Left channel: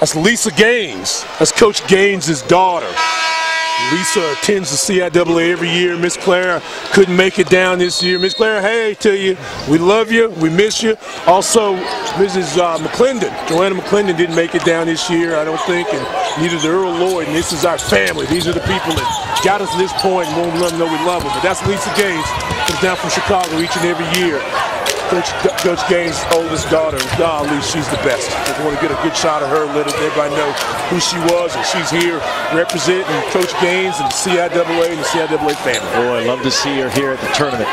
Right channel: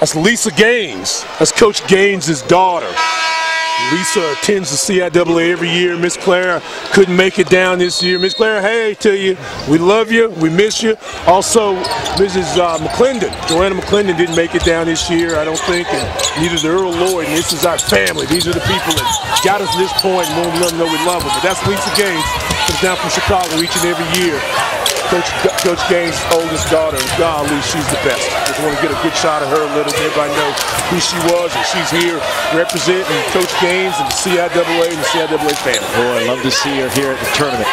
That's Lisa Gaines. That's Coach Gaines' daughter. Lisa attends the CIAA every year. Miss Clara couldn't make it down this year. Miss Clara, hey to you. We love you. We miss you. Also, Mrs. McClendon, Joanna McClendon didn't make it down this year, I don't think, and neither did Earl Lloyd. And this is our family. These are the people that got us to this point and won't let them know we love them. But that's Lisa Gaines. Comes down from Chicago each and every year. Coach Gaines' oldest daughter, golly, she's the best. Just want to get a good shot of her, let everybody know who she was, and she's here representing Coach Gaines and the CIAA and the CIAA family. Boy, I'd love to see her here at the tournament.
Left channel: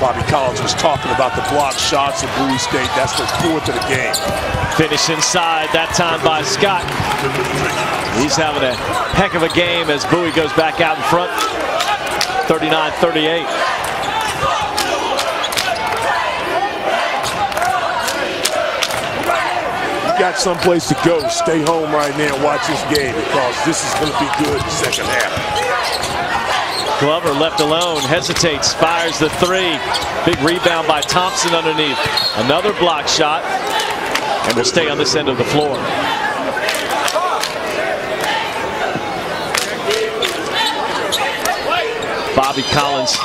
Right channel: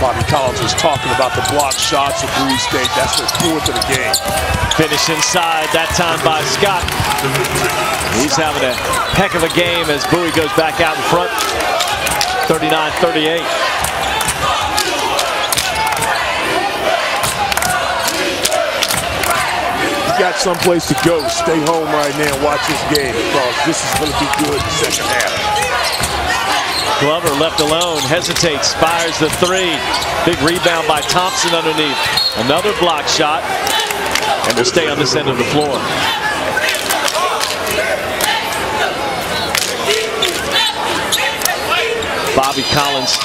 Bobby Collins was talking about the block shots of Bowie State. That's their 4th of the game. Finish inside, that time by Scott. He's having a heck of a game as Bowie goes back out in front, 39-38. You got someplace to go. Stay home right now and watch this game because this is going to be good in the second half. Glover left alone, hesitates, fires the 3. Big rebound by Thompson underneath. Another block shot, and will stay on this end of the floor. Bobby Collins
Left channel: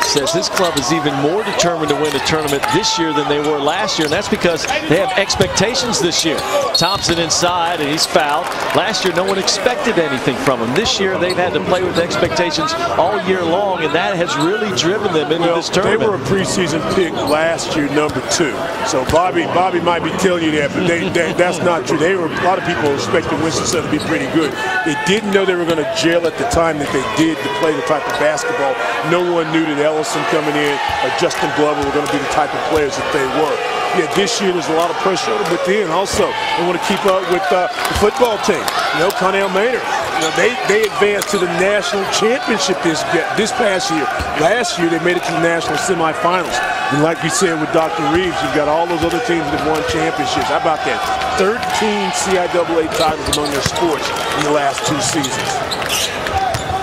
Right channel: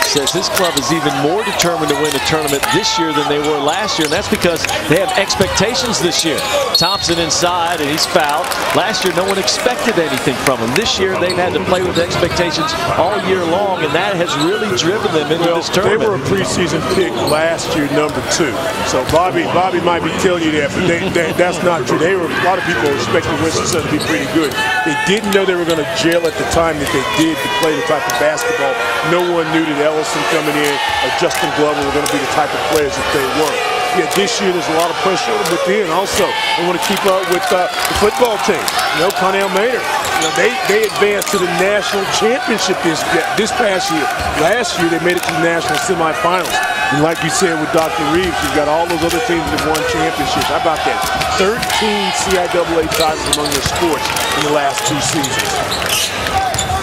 says his club is even more determined to win a tournament this year than they were last year, and that's because they have expectations this year. Thompson inside, and he's fouled. Last year, no one expected anything from him. This year, they've had to play with expectations all year long, and that has really driven them into this tournament. They were a preseason pick last year, #2. So Bobby might be telling you that, but that's not true. A lot of people expected Winston-Salem to be pretty good. They didn't know they were going to gel at the time that they did to play the type of basketball. No one knew that Ellison coming in or Justin Glover were going to be the type of players that they were. Yeah, this year there's a lot of pressure on them, but then also they want to keep up with the football team. You know, Connell Maynard. You know, they advanced to the national championship this past year. Last year they made it to the national semifinals. And like you said with Dr. Reeves, you've got all those other teams that have won championships. How about that? 13 CIAA titles among their sports in the last 2 seasons.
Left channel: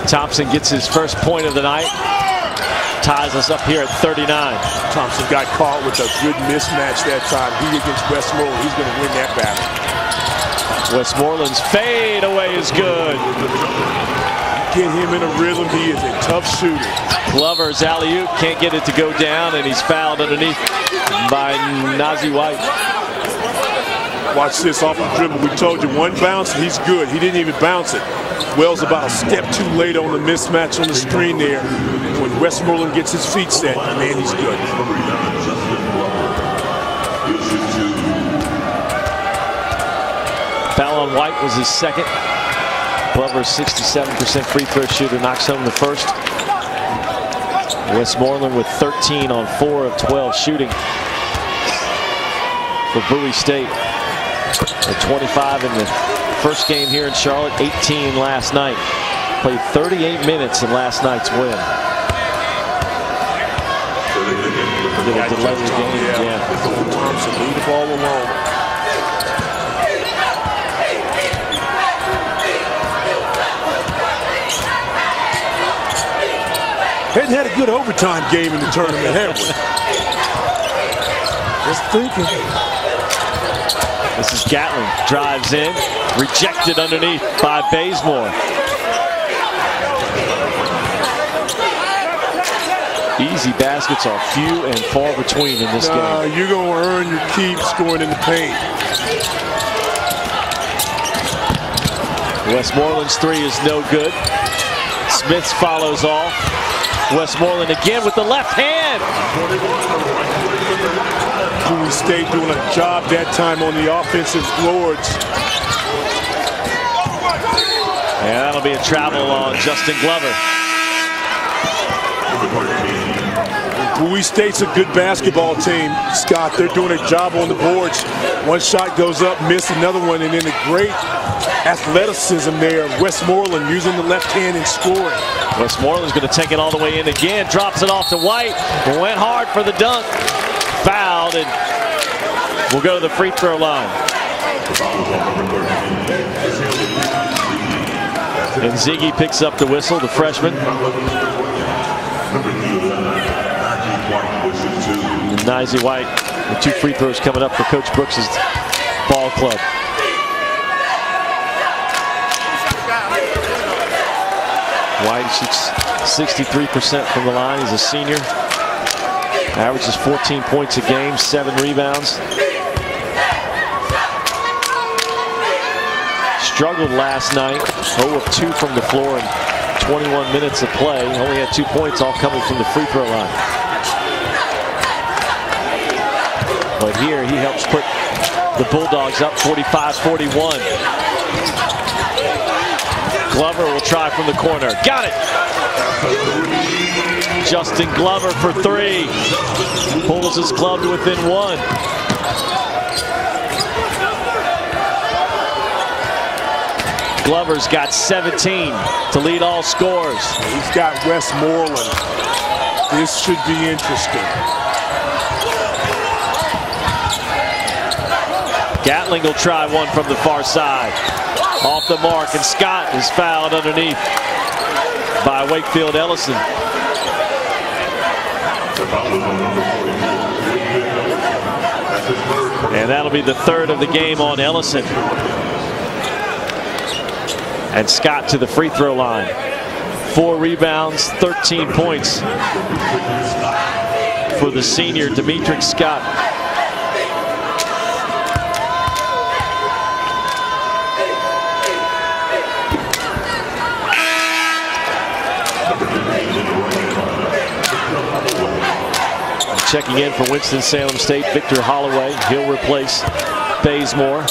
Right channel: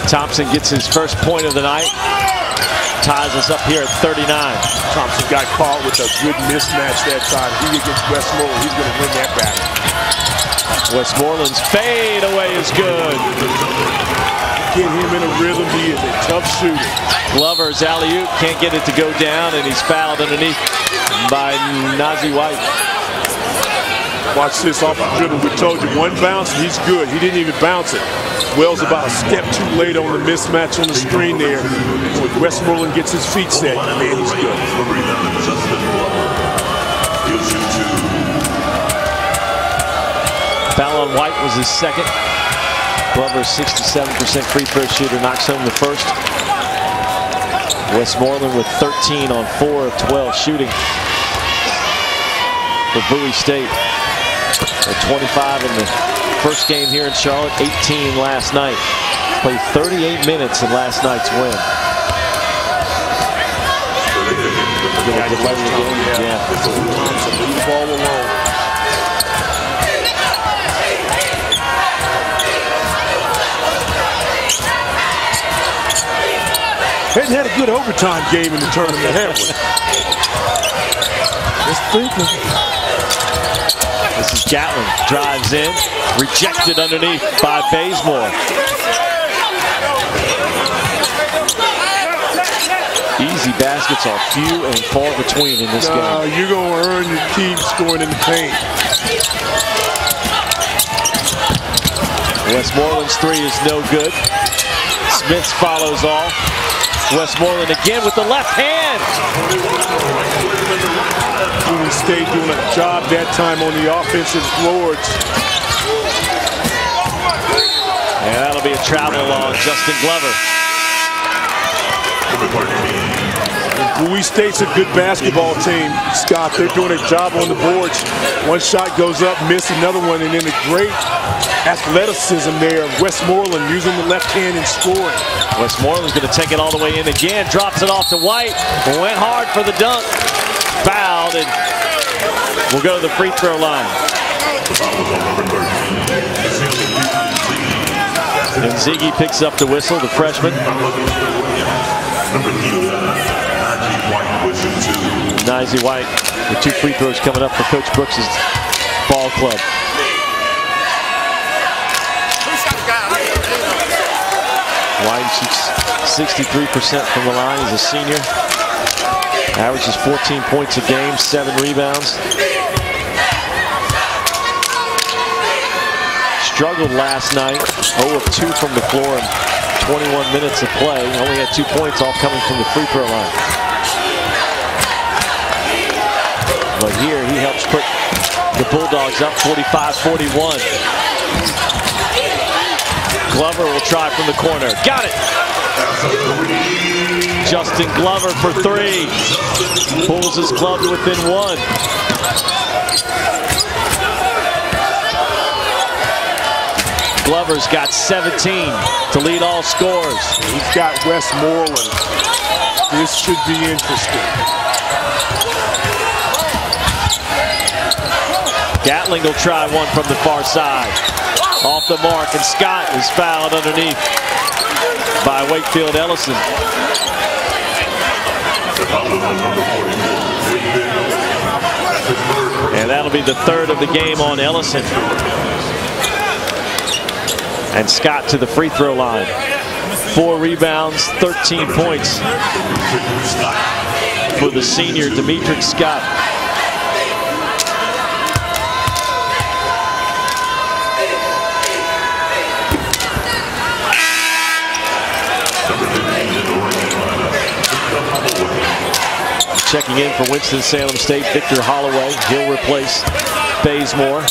Thompson gets his first point of the night. Ties us up here at 39. Thompson got caught with a good mismatch that time. He against Westmoreland, he's going to win that battle. Westmoreland's fade away is good. You get him in a rhythm, he is a tough shooter. Glover's alley-oop, can't get it to go down, and he's fouled underneath by Nazi White. Watch this off the dribble. We told you one bounce and he's good. He didn't even bounce it. Wells about a step too late on the mismatch on the screen there. And when Westmoreland gets his feet set, man, he's good. Foul on White was his second. Glover, 67% free throw shooter, knocks home the first. Westmoreland with 13 on 4 of 12 shooting for Bowie State. At 25 in the first game here in Charlotte, 18 last night. Played 38 minutes in last night's win. Get a delay the game, yeah. Thompson lead the ball alone. Hadn't had a good overtime game in the tournament, have we? Just thinking. This is Gatling, drives in, rejected underneath by Bazemore. Easy baskets are few and far between in this game. You're going to earn your keep scoring in the paint. Westmoreland's 3 is no good. Smith follows off. Westmoreland again with the left hand. Bowie State doing a job that time on the offensive boards. And that'll be a travel on Justin Glover. And Bowie State's a good basketball team, Scott. They're doing a job on the boards. One shot goes up, miss another one, and then the great athleticism there of Westmoreland using the left hand and scoring. Westmoreland's going to take it all the way in again, drops it off to White, went hard for the dunk, fouled, and will go to the free throw line. And Ziggy picks up the whistle, the freshman. And Nizy White with 2 free throws coming up for Coach Brooks' ball club. White shoots 63% from the line. He's a senior. Averages 14 points a game, 7 rebounds. Struggled last night, 0 of 2 from the floor in 21 minutes of play. Only had 2 points, all coming from the free throw line. But here he helps put the Bulldogs up 45-41. Glover will try from the corner. Got it! Justin Glover for 3. Pulls his club to within 1. Glover's got 17 to lead all scores. He's got Westmoreland. This should be interesting. Gatling will try one from the far side. Off the mark, and Scott is fouled underneath by Wakefield Ellison. And that'll be the 3rd of the game on Ellison. And Scott to the free throw line. 4 rebounds, 13 points for the senior Dameatric Scott. Checking in for Winston-Salem State, Victor Holloway. He'll replace Bazemore.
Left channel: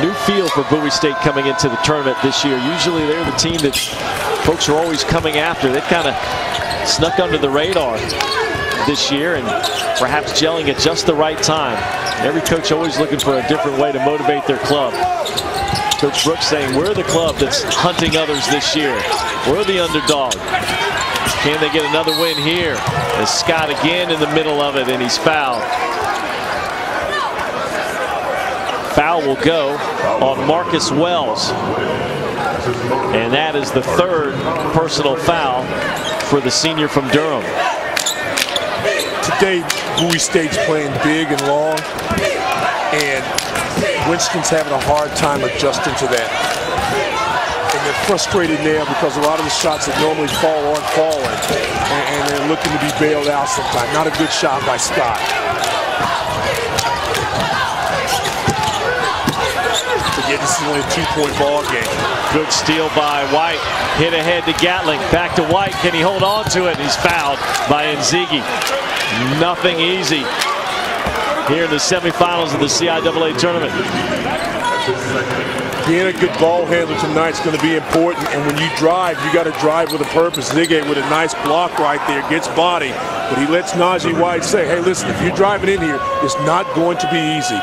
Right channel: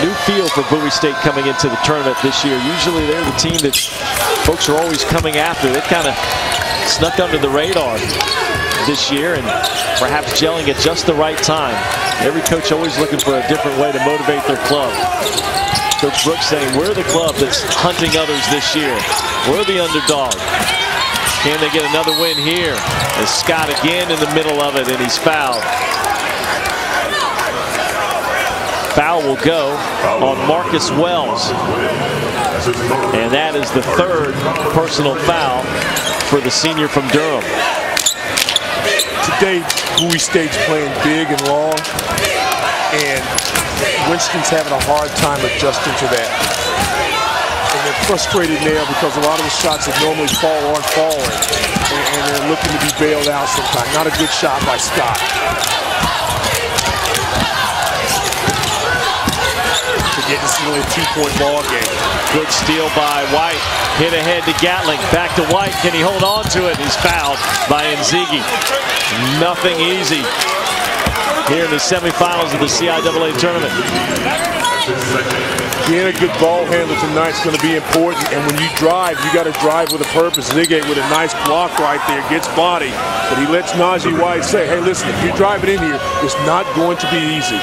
New feel for Bowie State coming into the tournament this year. Usually they're the team that folks are always coming after. They've kind of snuck under the radar this year and perhaps gelling at just the right time. Every coach always looking for a different way to motivate their club. Coach Brooks saying, we're the club that's hunting others this year. We're the underdog. Can they get another win here? As Scott again in the middle of it, and he's fouled. Foul will go on Marcus Wells. And that is the 3rd personal foul for the senior from Durham. Today, Bowie State's playing big and long, and Winston's having a hard time adjusting to that. And they're frustrated now because a lot of the shots that normally fall aren't falling, and they're looking to be bailed out sometimes. Not a good shot by Scott. Again, this is only a 2-point ball game. Good steal by White. Hit ahead to Gatling. Back to White. Can he hold on to it? He's fouled by Nzigi. Nothing easy here in the semifinals of the CIAA tournament. Being a good ball handler tonight is going to be important, and when you drive, you got to drive with a purpose. Zigay with a nice block right there, gets body, but he lets Nizy White say, hey, listen, if you're driving in here, it's not going to be easy.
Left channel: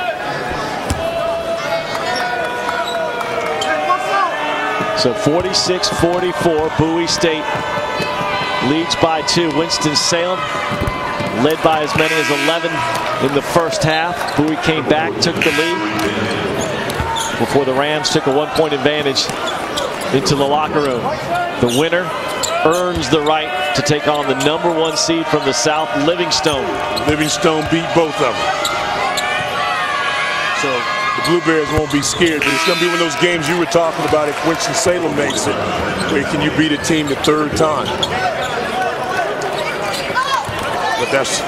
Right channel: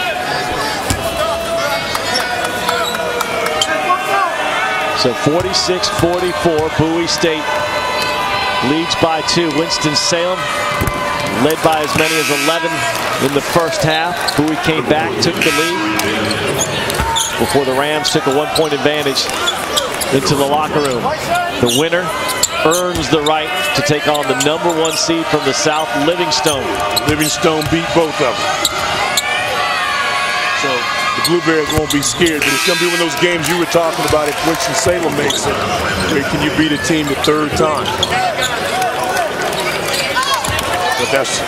So 46-44, Bowie State leads by 2. Winston-Salem led by as many as 11 in the first half. Bowie came back, took the lead before the Rams took a 1-point advantage into the locker room. The winner earns the right to take on the #1 seed from the South, Livingstone. Livingstone beat both of them. So the Blueberries won't be scared, but it's going to be one of those games you were talking about if Winston-Salem makes it, where can you beat a team the 3rd time? But that's,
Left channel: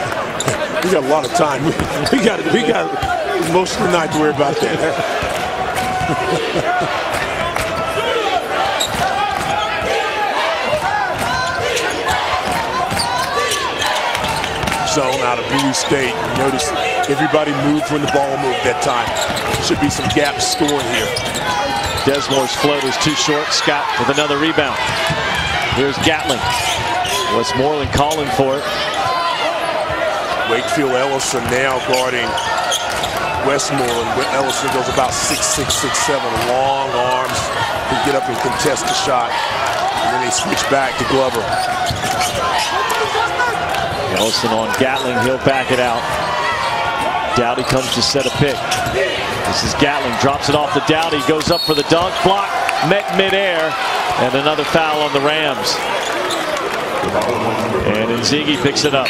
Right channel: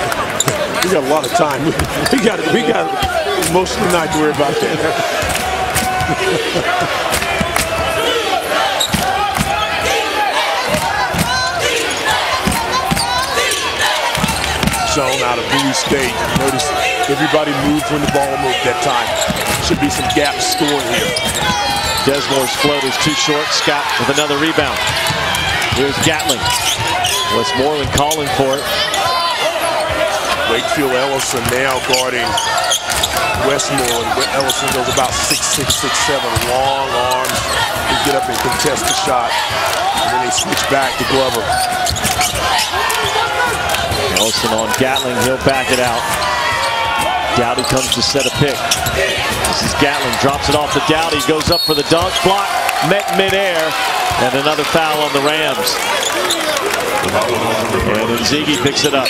we got a lot of time. We got most of the night to worry about that. Zone out of Bowie State. You notice everybody moved when the ball moved that time. Should be some gap scoring here. Desmore's floater's too short. Scott with another rebound. Here's Gatling. Westmoreland calling for it. Wakefield Ellison now guarding Westmoreland. Ellison goes about 6'6", 6'7", long arms, can get up and contest the shot. And then they switch back to Glover. Ellison on Gatling, he'll back it out. Dowdy comes to set a pick. This is Gatling, drops it off to Dowdy, goes up for the dunk, block, met midair, and another foul on the Rams. And Nzigi picks it up.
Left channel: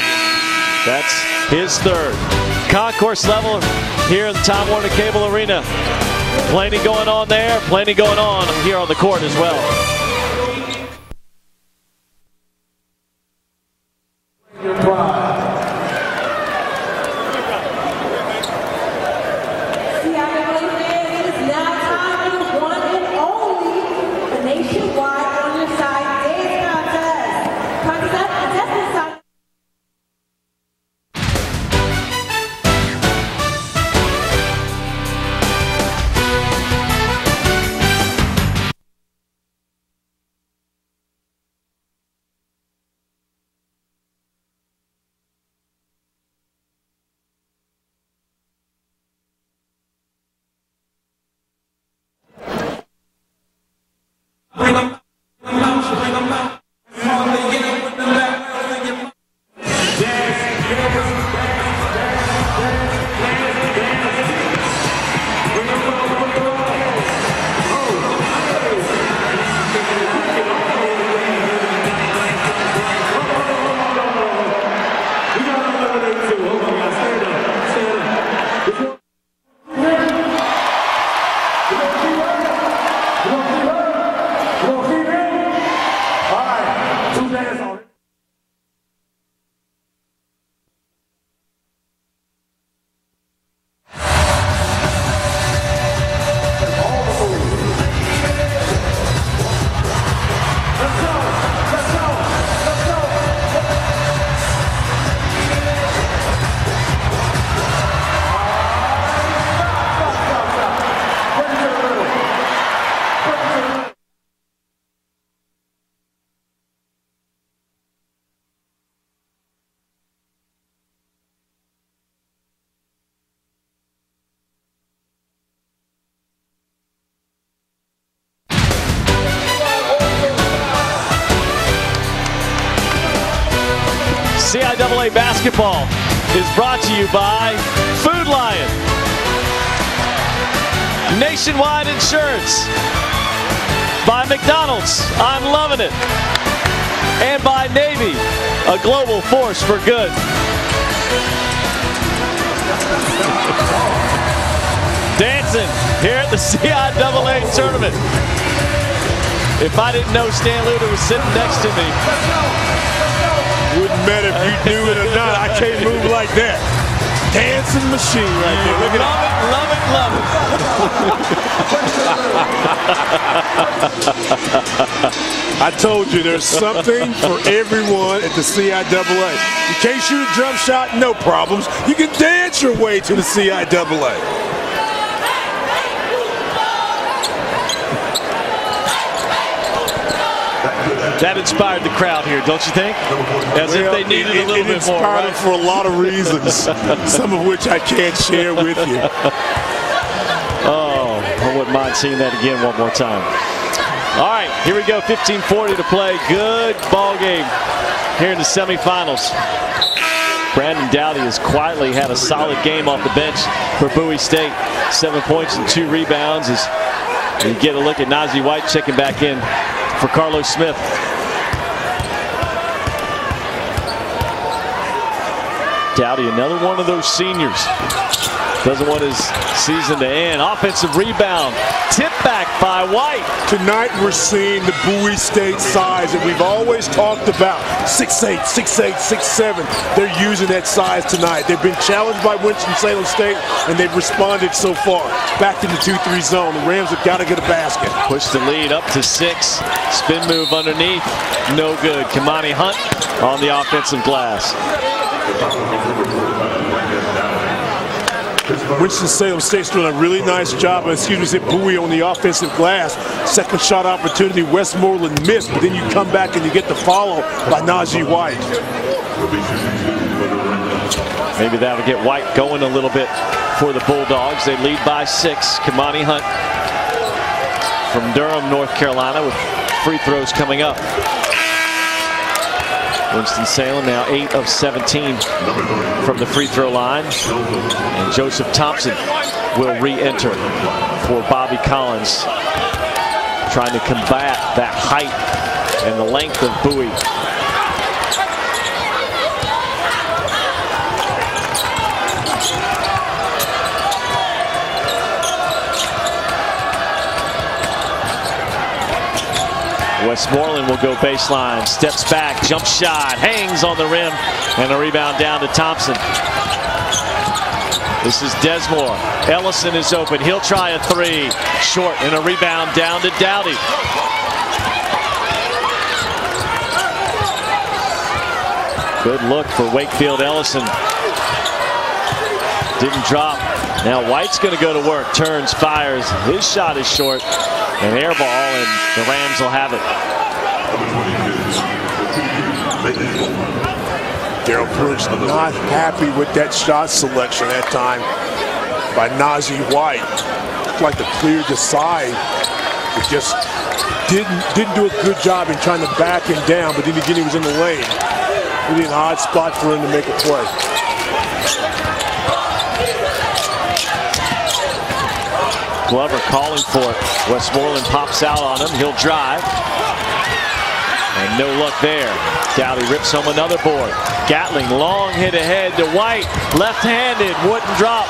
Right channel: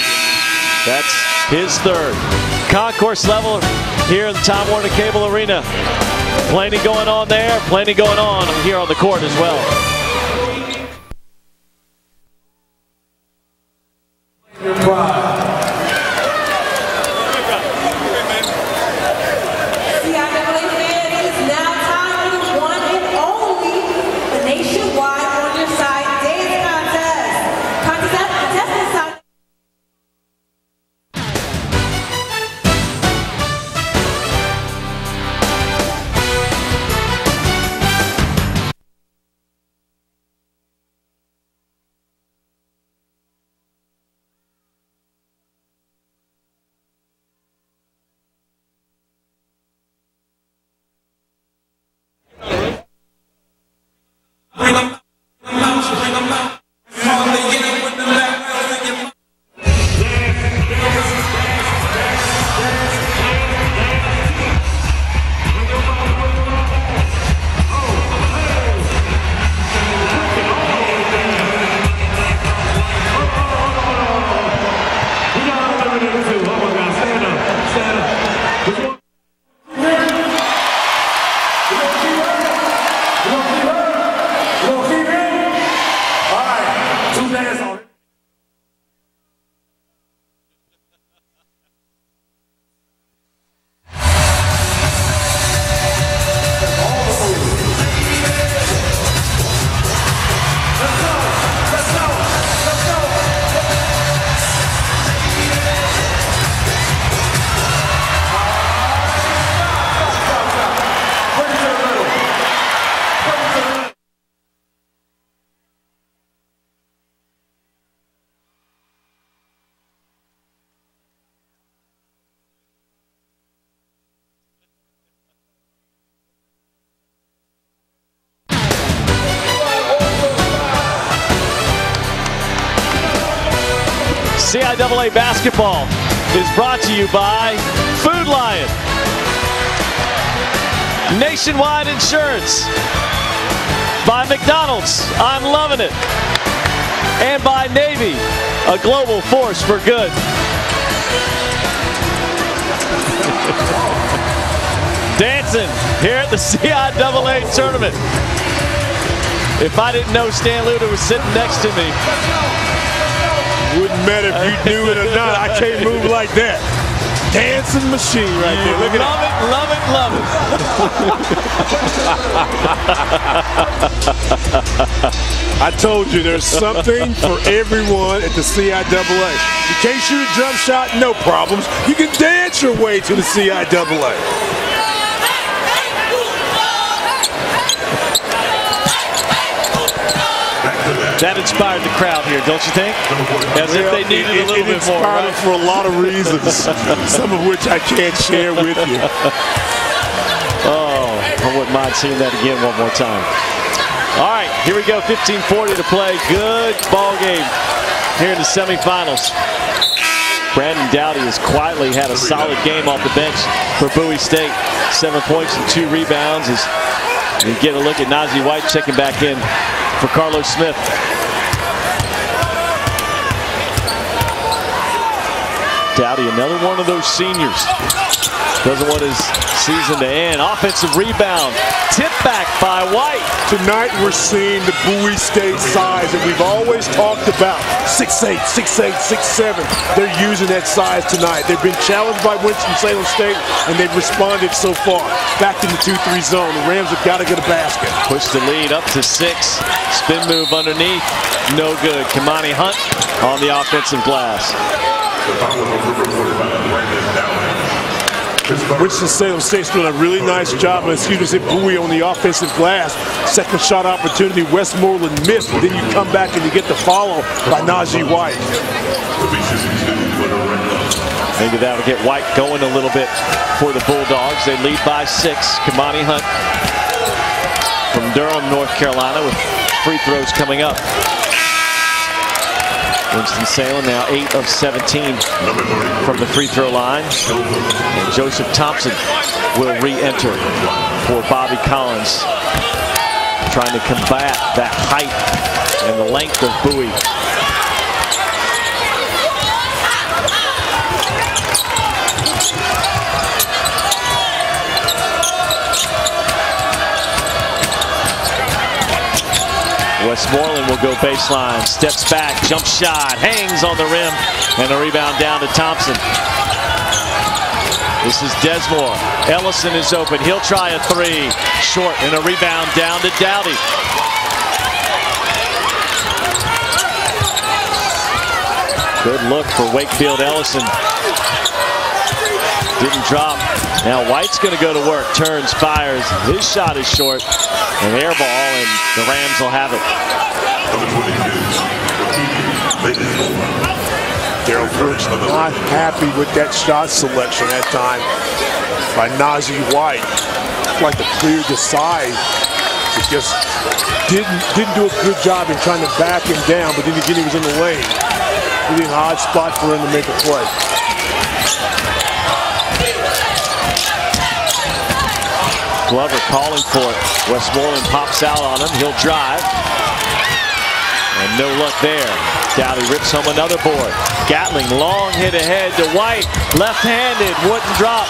That's his third. Concourse level here in the Time Warner Cable Arena. Plenty going on there, plenty going on here on the court as well. CIAA basketball is brought to you by Food Lion, Nationwide Insurance, by McDonald's, I'm loving it, and by Navy, a global force for good. Dancing here at the CIAA tournament. If I didn't know Stan Luter was sitting next to me, wouldn't matter if you knew it or not. I can't move like that. Dancing machine right there. Look at love it, love it, love it. I told you there's something for everyone at the CIAA. You can't shoot a jump shot, no problems. You can dance your way to the CIAA. That inspired the crowd here, don't you think? As if they needed a little bit more, right? It inspired them for a lot of reasons, some of which I can't share with you. Oh, I wouldn't mind seeing that again one more time. All right, here we go, 15:40 to play. Good ball game here in the semifinals. Brandon Dowdy has quietly had a solid game off the bench for Bowie State. 7 points and 2 rebounds as you get a look at Nazi White checking back in for Carlos Smith. Dowdy, another one of those seniors. Doesn't want his season to end. Offensive rebound. Tip back by White. Tonight we're seeing the Bowie State size that we've always talked about. 6'8", 6'8", 6'7". They're using that size tonight. They've been challenged by Winston-Salem State, and they've responded so far. Back in the 2-3 zone. The Rams have got to get a basket. Push the lead up to 6. Spin move underneath. No good. Kamani Hunt on the offensive glass. Winston-Salem State's doing a really nice job. Bowie on the offensive glass. Second shot opportunity, Westmoreland missed, but then you come back and you get the follow by Najee White. Maybe that'll get White going a little bit for the Bulldogs. They lead by 6. Kamani Hunt from Durham, North Carolina, with free throws coming up. Winston-Salem now 8 of 17 from the free throw line. And Joseph Thompson will re-enter for Bobby Collins. trying to combat that height and the length of Bowie. Westmoreland will go baseline, steps back, jump shot, hangs on the rim, and a rebound down to Thompson. This is Desmore. Ellison is open. He'll try a three. Short, and a rebound down to Dowdy. Good look for Wakefield. Ellison didn't drop. Now White's going to go to work. Turns, fires. His shot is short. An air ball, and the Rams will have it. Darrell Brooks not happy with that shot selection that time by Nazi White. It's like the clear to side. It just didn't do a good job in trying to back him down, but then again he was in the lane. Really an odd spot for him to make a play. Glover calling for it. Westmoreland pops out on him. He'll drive. And no luck there. Dowdy rips home another board. Gatling, long hit ahead to White. Left-handed, wouldn't drop.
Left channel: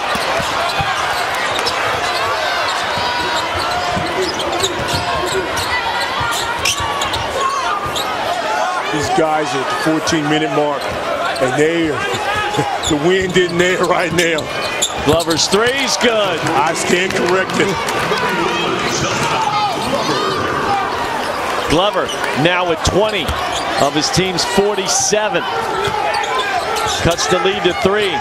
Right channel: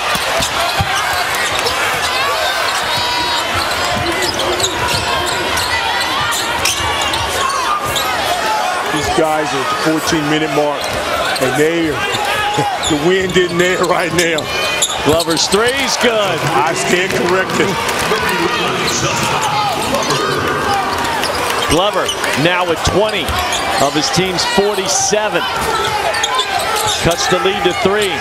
These guys are at the 14-minute mark, and the wind isn't there right now. Glover's three's good. I stand corrected. Glover now with 20 of his team's 47. Cuts the lead to 3.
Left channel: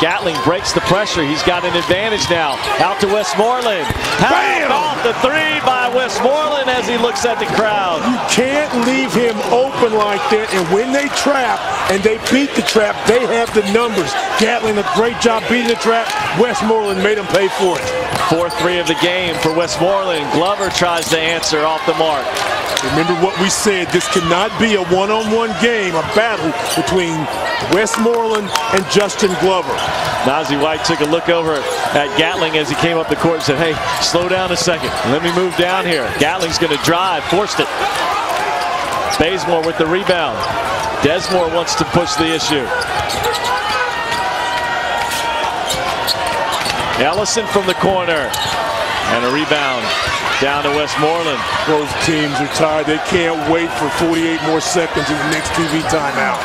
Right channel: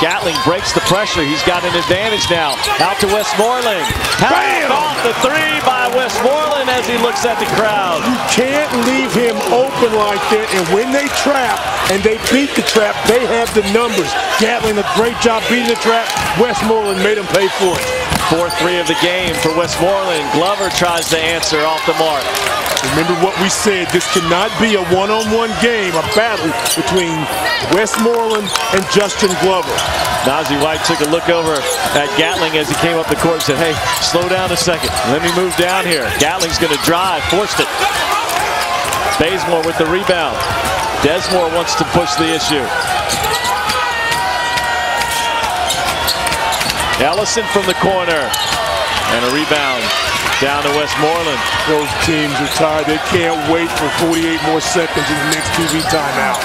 Gatling breaks the pressure. He's got an advantage now. Out to Westmoreland. How about the three by Westmoreland as he looks at the crowd? You can't leave him open like that, and when they trap and they beat the trap, they have the numbers. Gatling, a great job beating the trap. Westmoreland made him pay for it. 4-3 of the game for Westmoreland. Glover tries to answer off the mark. Remember what we said, this cannot be a one-on-one game, a battle between Westmoreland and Justin Glover. Nazi White took a look over at Gatling as he came up the court and said, hey, slow down a second. Let me move down here. Gatling's going to drive, forced it. Bazemore with the rebound. Desmore wants to push the issue. Ellison from the corner. And a rebound down to Westmoreland. Both teams are tired. They can't wait for 48 more seconds in the next TV timeout.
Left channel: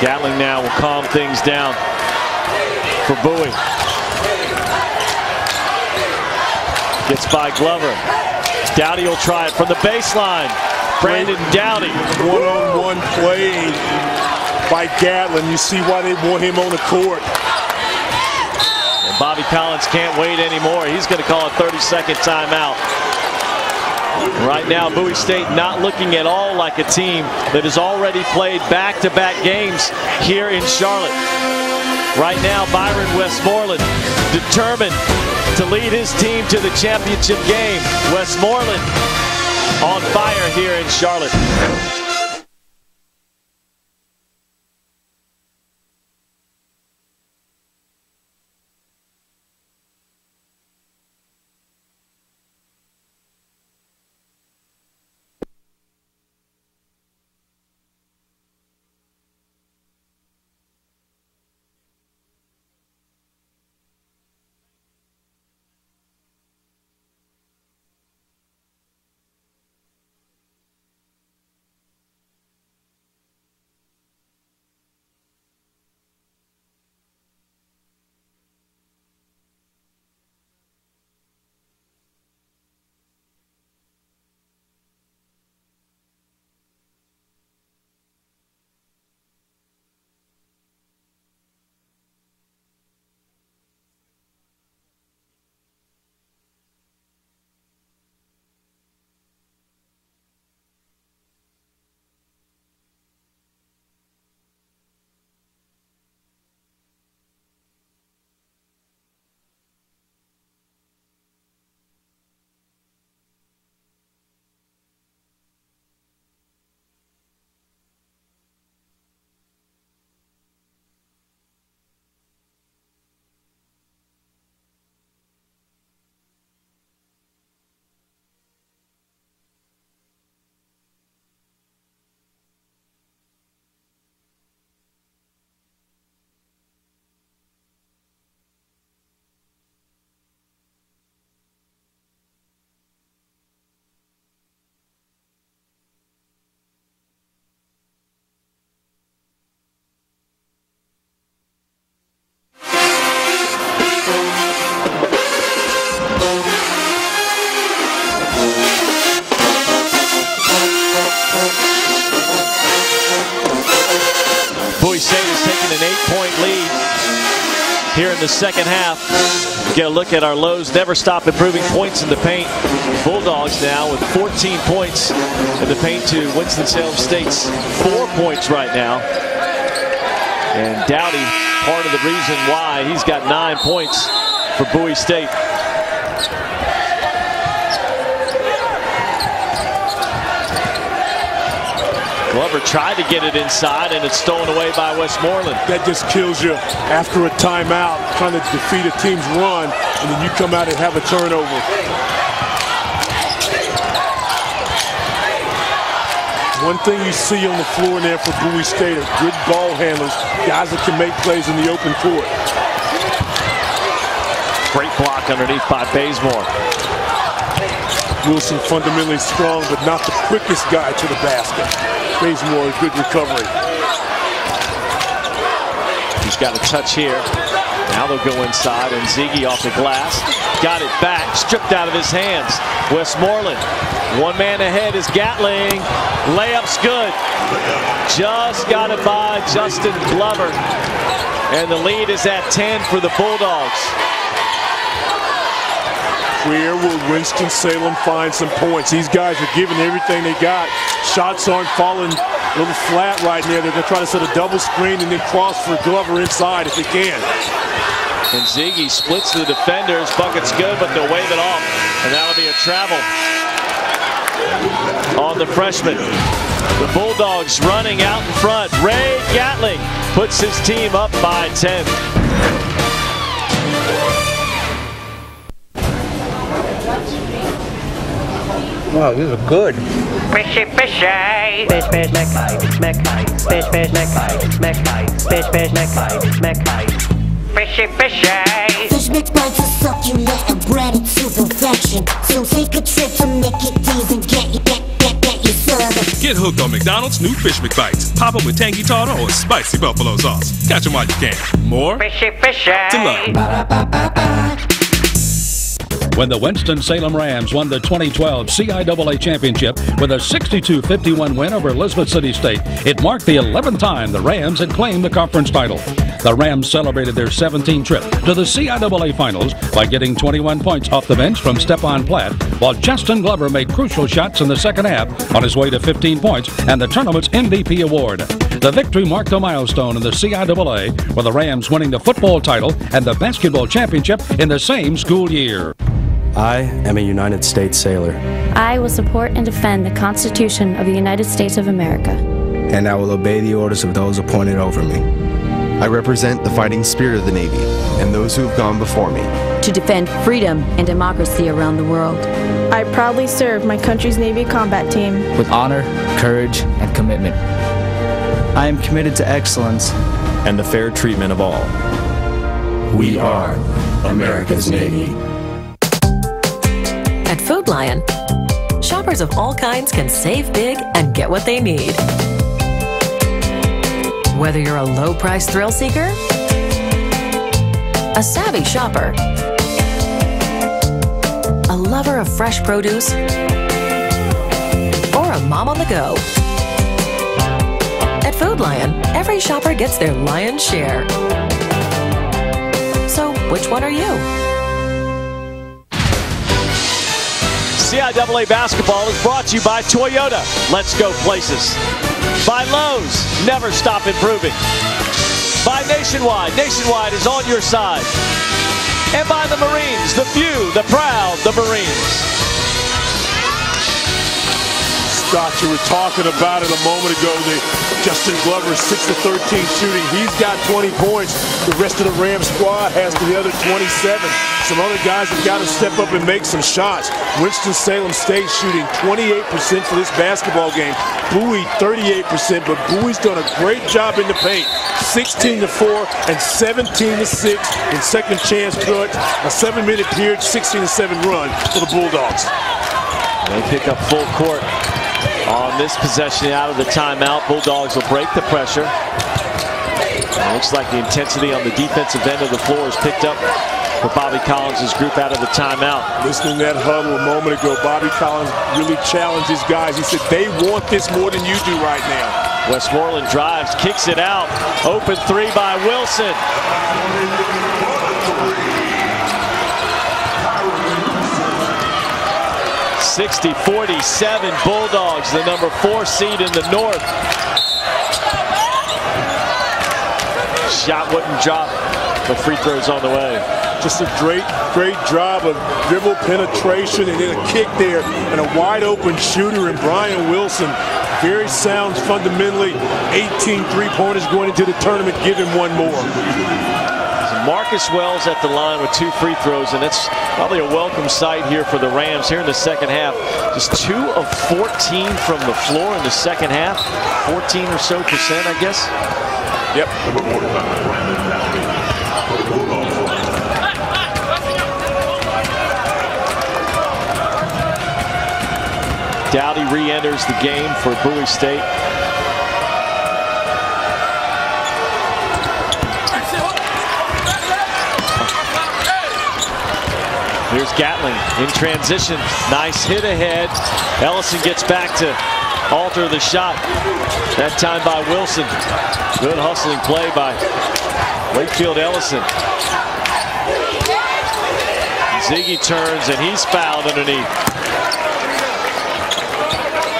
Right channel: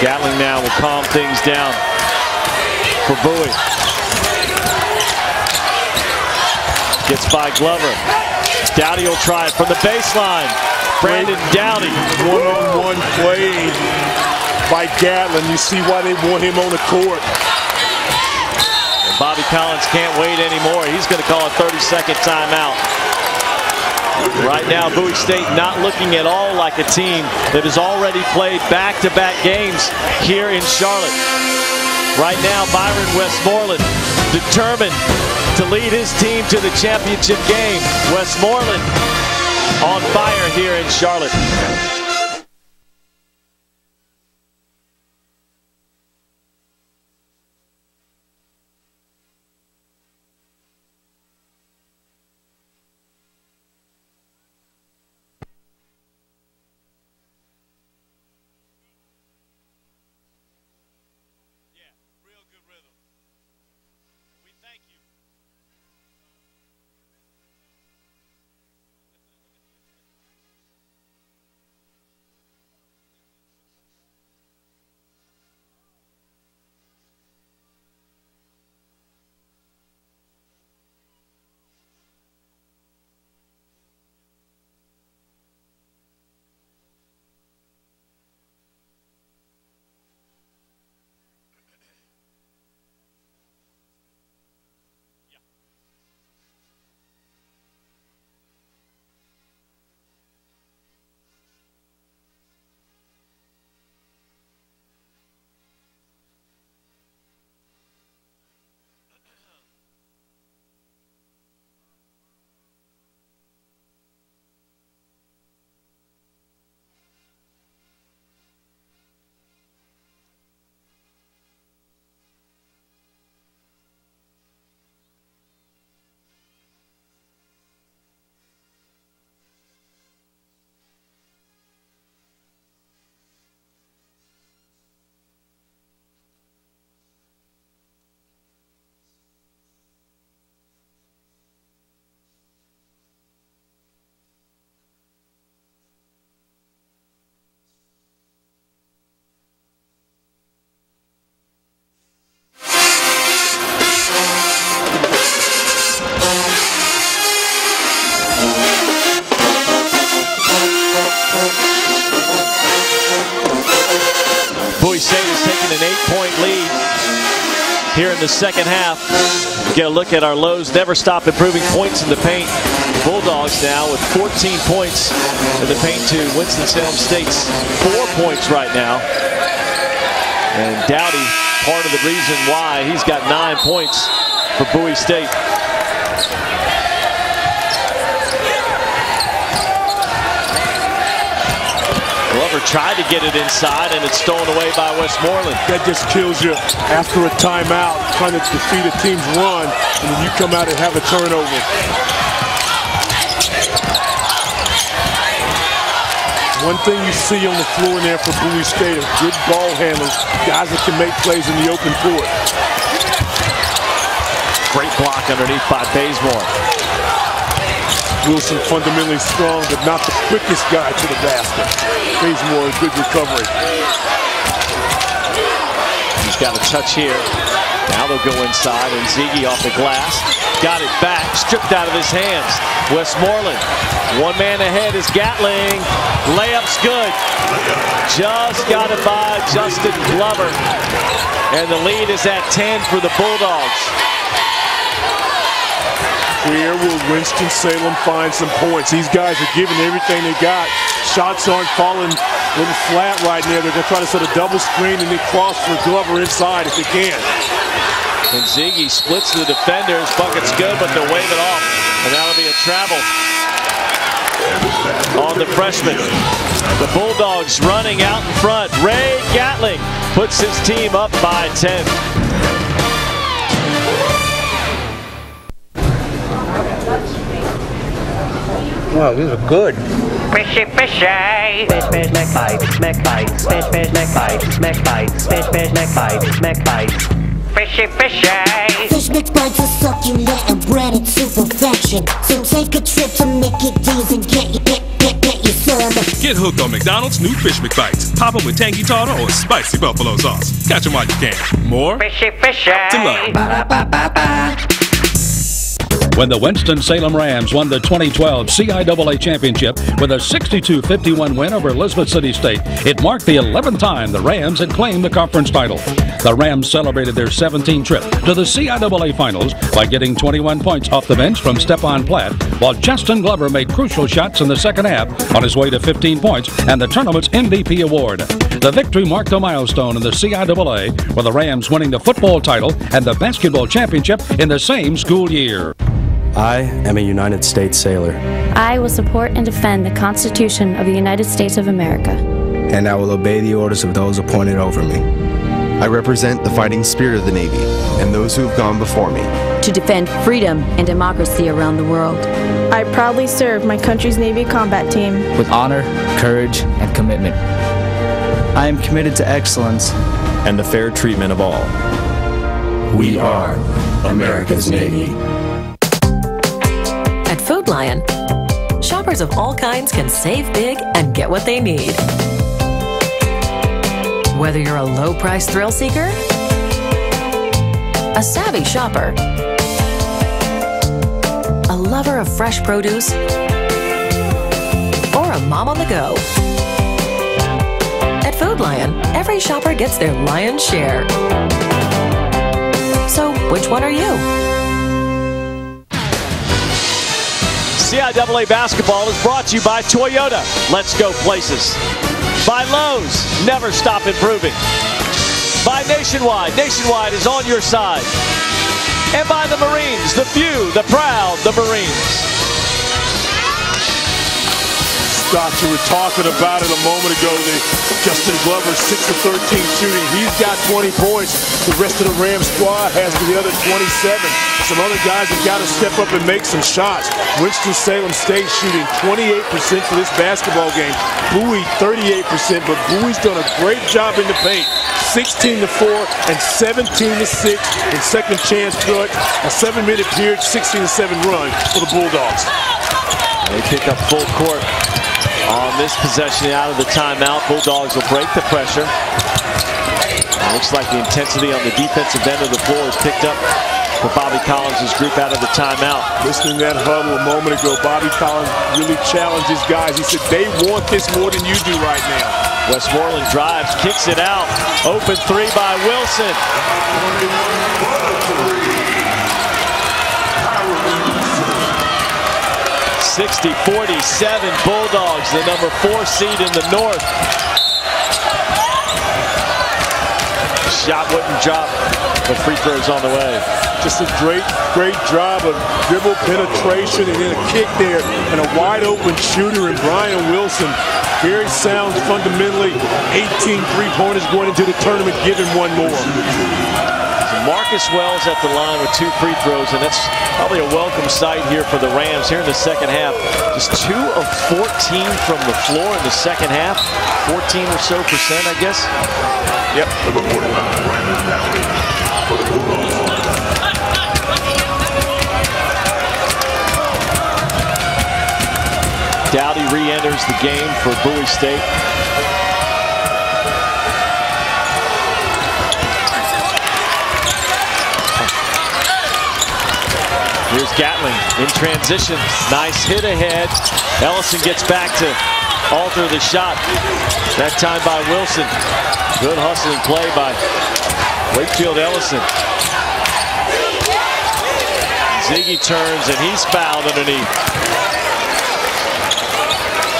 Gatling now will calm things down for Bowie. Gets by Glover. Dowdy will try it from the baseline. Brandon Dowdy. One-on-one play by Gatling. You see why they want him on the court. And Bobby Collins can't wait anymore. He's going to call a 30-second timeout. Right now, Bowie State not looking at all like a team that has already played back-to-back games here in Charlotte. Right now, Byron Westmoreland determined to lead his team to the championship game. Westmoreland on fire here in Charlotte. here in the second half. Get a look at our lows. Never stop improving points in the paint. Bulldogs now with 14 points in the paint to Winston-Salem State's 4 points right now. And Dowdy, part of the reason why he's got 9 points for Bowie State. Glover tried to get it inside, and it's stolen away by Westmoreland. That just kills you after a timeout, trying to defeat a team's run, and then you come out and have a turnover. One thing you see on the floor there for Bowie State are good ball handlers, guys that can make plays in the open court. Great block underneath by Bazemore. Wilson fundamentally strong, but not the quickest guy to the basket. Bazemore, good recovery. He's got a touch here. Now they'll go inside, and Ziggy off the glass. Got it back, stripped out of his hands. Westmoreland, one man ahead is Gatling. Layup's good. Just got it by Justin Glover. And the lead is at 10 for the Bulldogs. Where will Winston-Salem find some points? These guys are giving everything they got. Shots aren't falling a little flat right now. They're going to try to set a double screen and then cross for Glover inside if they can. And Ziggy splits the defenders. Bucket's good, but they'll wave it off. And that'll be a travel on the freshman. The Bulldogs running out in front. Ray Gatling puts his team up by 10. Wow, these are good. Fishy, fishy. Fish, fish, neck bite, neck bite. Fish, fish, neck bite, neck bite. Fish, fish, neck bite, neck bite. Fishy, fishy. Fish mix bites are succulent and breaded to perfection. So take a trip to Mickey D's and get your service. Get hooked on McDonald's new Fish McBites. Pop them with tangy tartar or spicy buffalo sauce. Catch them while you can. More Fishy, fishy. to love. Ba-da-ba-ba-ba. When the Winston-Salem Rams won the 2012 CIAA Championship with a 62-51 win over Elizabeth City State, it marked the 11th time the Rams had claimed the conference title. The Rams celebrated their 17th trip to the CIAA Finals by getting 21 points off the bench from Stephon Platt, while Justin Glover made crucial shots in the second half on his way to 15 points and the tournament's MVP award. The victory marked a milestone in the CIAA, with the Rams winning the football title and the basketball championship in the same school year. I am a United States sailor. I will support and defend the Constitution of the United States of America. And I will obey the orders of those appointed over me. I represent the fighting spirit of the Navy and those who have gone before me. To defend freedom and democracy around the world. I proudly serve my country's Navy combat team. With honor, courage, and commitment. I am committed to excellence and the fair treatment of all. We are America's Navy. At Food Lion, shoppers of all kinds can save big and get what they need. Whether you're a low-price thrill seeker, a savvy shopper, a lover of fresh produce, or a mom on the go. At Food Lion, every shopper gets their lion's share. So, which one are you? CIAA basketball is brought to you by Toyota. Let's go places. By Lowe's. Never stop improving. By Nationwide. Nationwide is on your side. And by the Marines. The few, the proud, the Marines. Scott, you were talking about it a moment ago. Justin Glover's 6-13 shooting. He's got 20 points. The rest of the Rams squad has the other 27. Some other guys have got to step up and make some shots. Winston-Salem State shooting 28% for this basketball game. Bowie 38%, but Bowie's done a great job in the paint. 16-4 and 17-6 in second chance, but a 7-minute period, 16-7 run for the Bulldogs. They pick up full court on this possession out of the timeout. Bulldogs will break the pressure. And it looks like the intensity on the defensive end of the floor is picked up for Bobby Collins' group out of the timeout. Listening to that huddle a moment ago, Bobby Collins really challenged his guys. He said, they want this more than you do right now. Westmoreland drives, kicks it out. Open three by Wilson. 60-47 Bulldogs, the number 4 seed in the North. Shot wouldn't drop, but free throws on the way. Just a great job of dribble penetration and then a kick there and a wide open shooter in Brian Wilson. Very sound fundamentally. 18 3-pointers going into the tournament. Give him one more. So Marcus Wells at the line with 2 free throws, and that's probably a welcome sight here for the Rams here in the second half. Just 2 of 14 from the floor in the second half. 14 or so percent, I guess. Yep. Dowdy re-enters the game for Bowie State. Here's Gatling in transition. Nice hit ahead. Ellison gets back to alter the shot. That time by Wilson. Good hustling play by Wakefield Ellison. Ziggy turns and he's fouled underneath.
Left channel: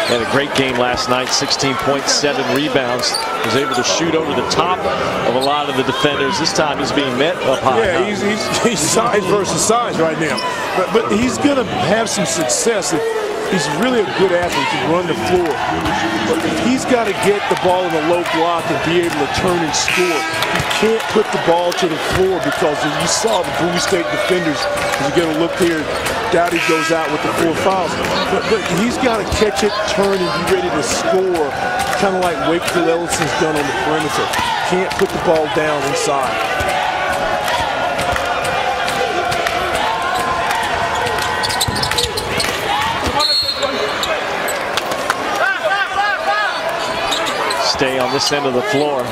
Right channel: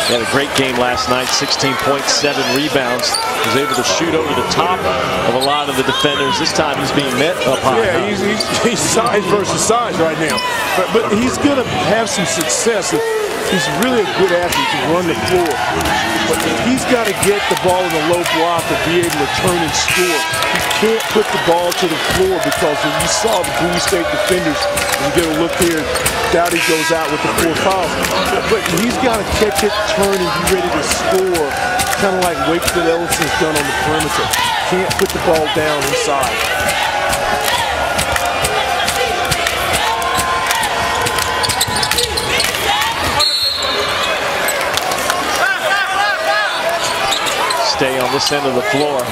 He had a great game last night, 16.7 rebounds. Was able to shoot over the top of a lot of the defenders. This time he's being met up high. Yeah, he's size versus size right now. But he's going to have some success if he's really a good athlete to run the floor. But if he's got to get the ball in the low block and be able to turn and score, he can't put the ball to the floor because you saw the Bowie State defenders, as you get a look here, Dowdy goes out with the 4 fouls. But he's got to catch it, turn, and be ready to score, kind of like Wakefield Ellison's done on the perimeter. Can't put the ball down inside. Stay on this end of the floor.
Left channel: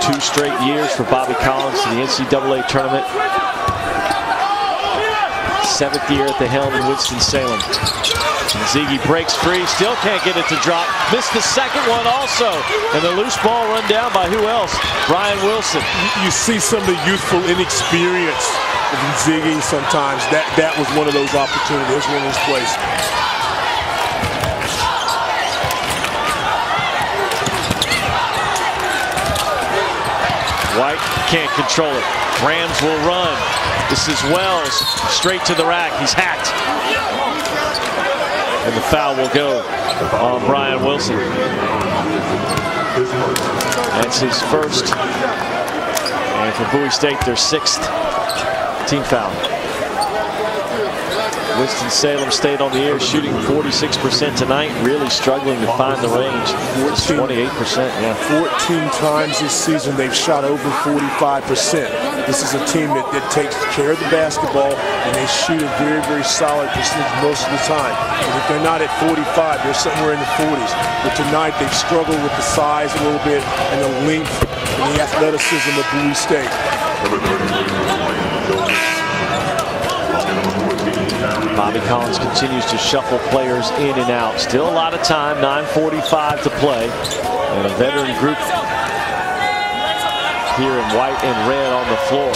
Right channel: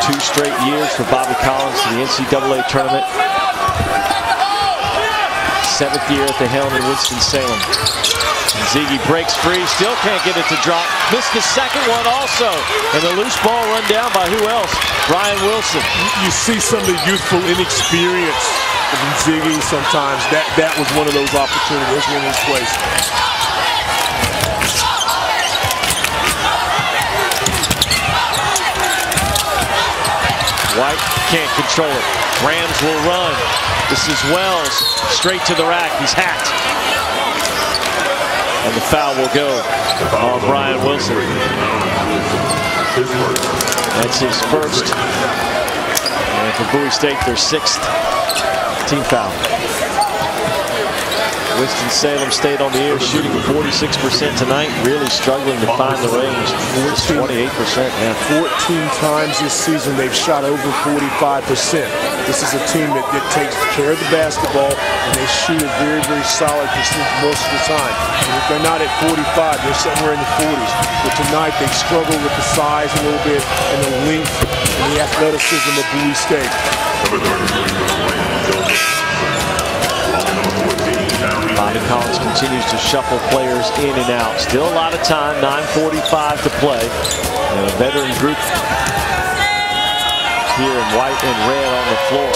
2 straight years for Bobby Collins to the NCAA tournament. 7th year at the helm in Winston-Salem. Ziggy breaks free, still can't get it to drop. Missed the second one also. And the loose ball run down by who else? Brian Wilson. You see some of the youthful inexperience of Ziggy sometimes. That was one of those opportunities, one of those plays. White can't control it. Rams will run. This is Wells, straight to the rack. He's hacked. And the foul will go on Brian Wilson. That's his first. And for Bowie State, their 6th team foul. Winston-Salem stayed on the air, shooting 46% tonight. Really struggling to find the range. Just 28%, yeah. 14 times this season they've shot over 45%. This is a team that takes care of the basketball, and they shoot a very, very solid percentage most of the time. And if they're not at 45, they're somewhere in the 40s. But tonight they've struggled with the size a little bit and the length and the athleticism of Bowie State. Bobby Collins continues to shuffle players in and out. Still a lot of time, 9:45 to play. And a veteran group here in white and red on the floor.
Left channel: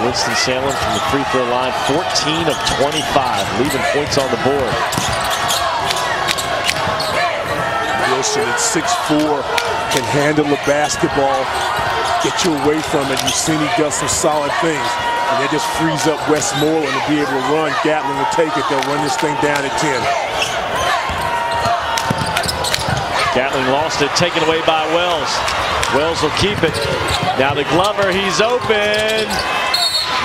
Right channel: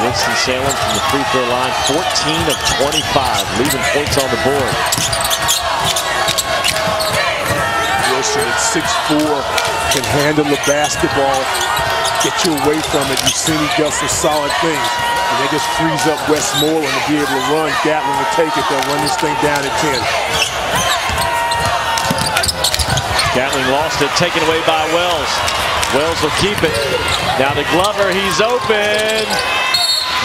Winston-Salem from the free throw line, 14 of 25, leaving points on the board. Wilson at 6'4", can handle the basketball, get you away from it. You've seen he does some solid things. And that just frees up Westmoreland to be able to run. Gatlin will take it. They'll run this thing down at 10. Gatling lost it, taken away by Wells. Wells will keep it. Now to Glover, he's open.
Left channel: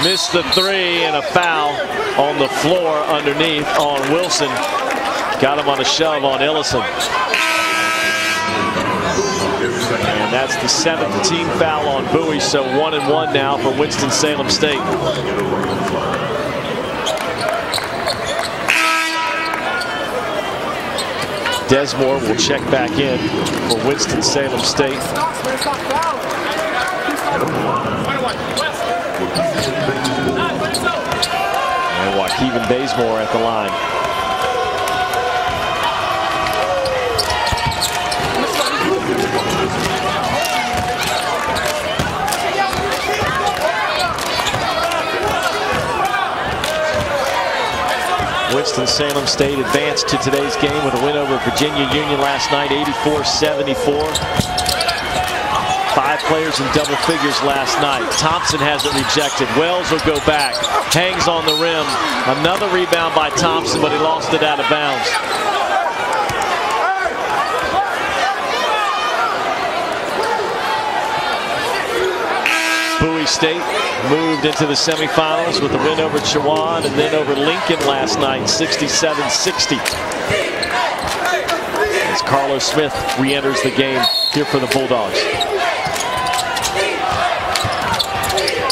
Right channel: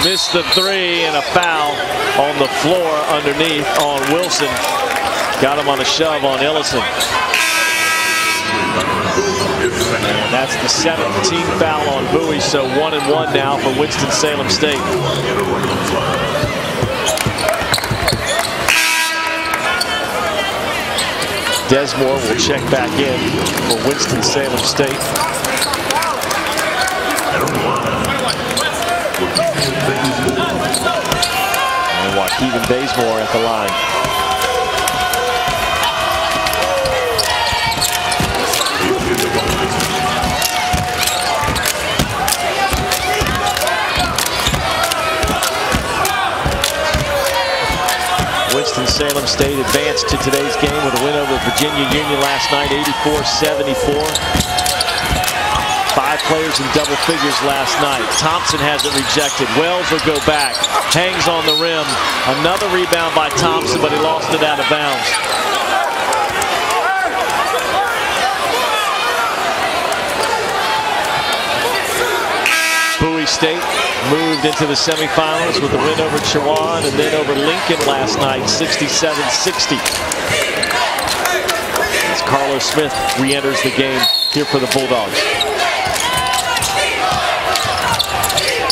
Missed the 3, and a foul on the floor underneath on Wilson. Got him on a shove on Ellison. And that's the 7th team foul on Bowie, so 1-1 now for Winston-Salem State. Desmore will check back in for Winston-Salem State. And Waukegan Bazemore at the line. Winston-Salem State advanced to today's game with a win over Virginia Union last night, 84-74. 5 players in double figures last night. Thompson has it rejected. Wells will go back. Hangs on the rim. Another rebound by Thompson, but he lost it out of bounds. Bowie State moved into the semifinals with a win over Chowan and then over Lincoln last night, 67-60. As Carlos Smith re-enters the game here for the Bulldogs.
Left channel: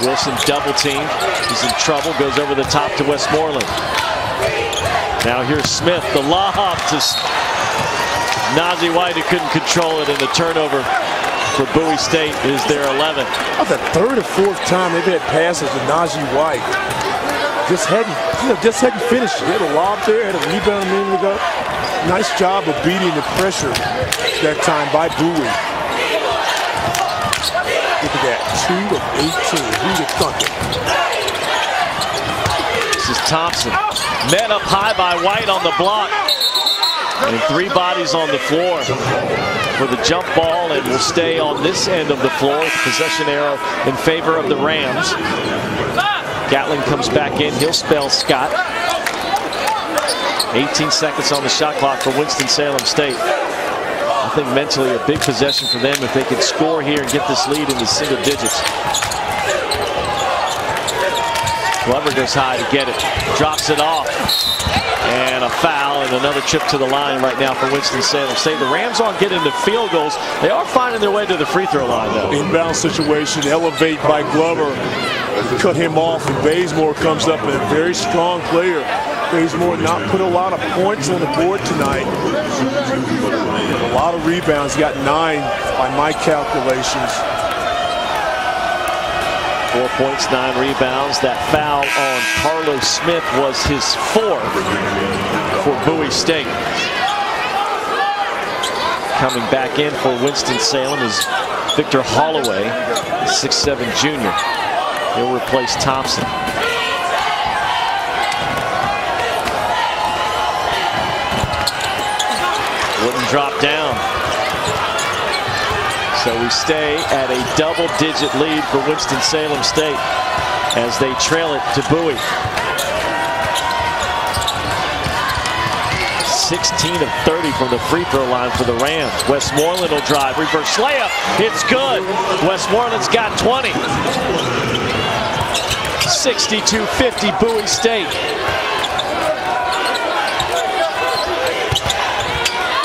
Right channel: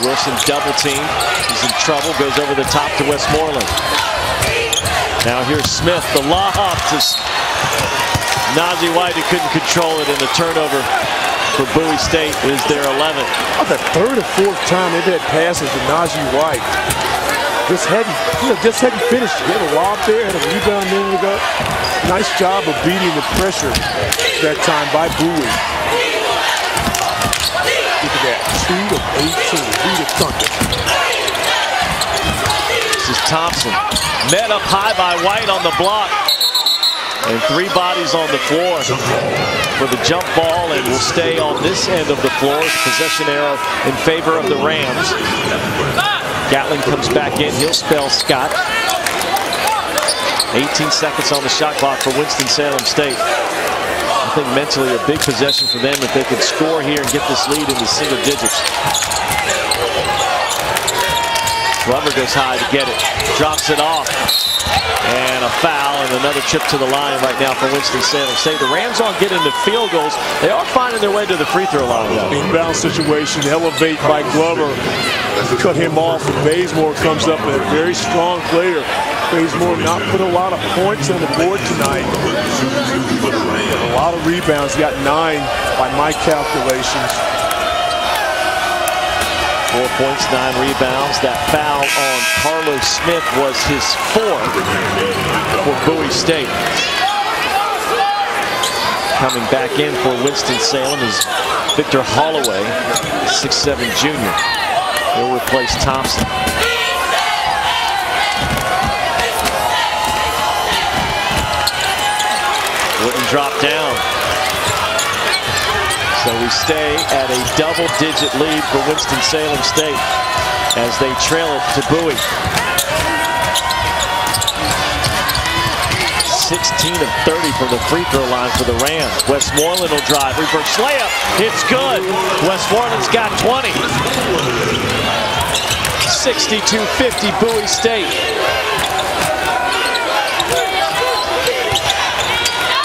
Wilson double teamed. He's in trouble, goes over the top to Westmoreland. Now here's Smith, the lob to Nazi White, who couldn't control it, and the turnover for Bowie State is their 11th. The third or fourth time they've had passes to Nazi White. Just hadn't finished. He had a lob there, had a rebound a minute ago. Nice job of beating the pressure that time by Bowie. Look at that, 2 of 18. Who'd have thunk it? This is Thompson. Met up high by White on the block. And 3 bodies on the floor for the jump ball, and will stay on this end of the floor with the possession arrow in favor of the Rams. Gatling comes back in. He'll spell Scott. 18 seconds on the shot clock for Winston-Salem State. I think mentally a big possession for them if they can score here and get this lead into single digits. Glover goes high to get it. Drops it off. And a foul and another trip to the line right now for Winston-Salem State. The Rams aren't getting the field goals. They are finding their way to the free throw line, though. Inbound situation, elevate by Glover. Cut him off, and Bazemore comes up, and a very strong player. Bazemore not put a lot of points on the board tonight, but a lot of rebounds. He got 9 by my calculations. 4 points, 9 rebounds. That foul on Carlos Smith was his 4th for Bowie State. Coming back in for Winston-Salem is Victor Holloway, 6'7" junior. He'll replace Thompson. Wouldn't drop down. So we stay at a double-digit lead for Winston-Salem State as they trail it to Bowie. 16 of 30 from the free throw line for the Rams. Westmoreland will drive, reverse layup. It's good. Westmoreland's got 20. 62-50 Bowie State.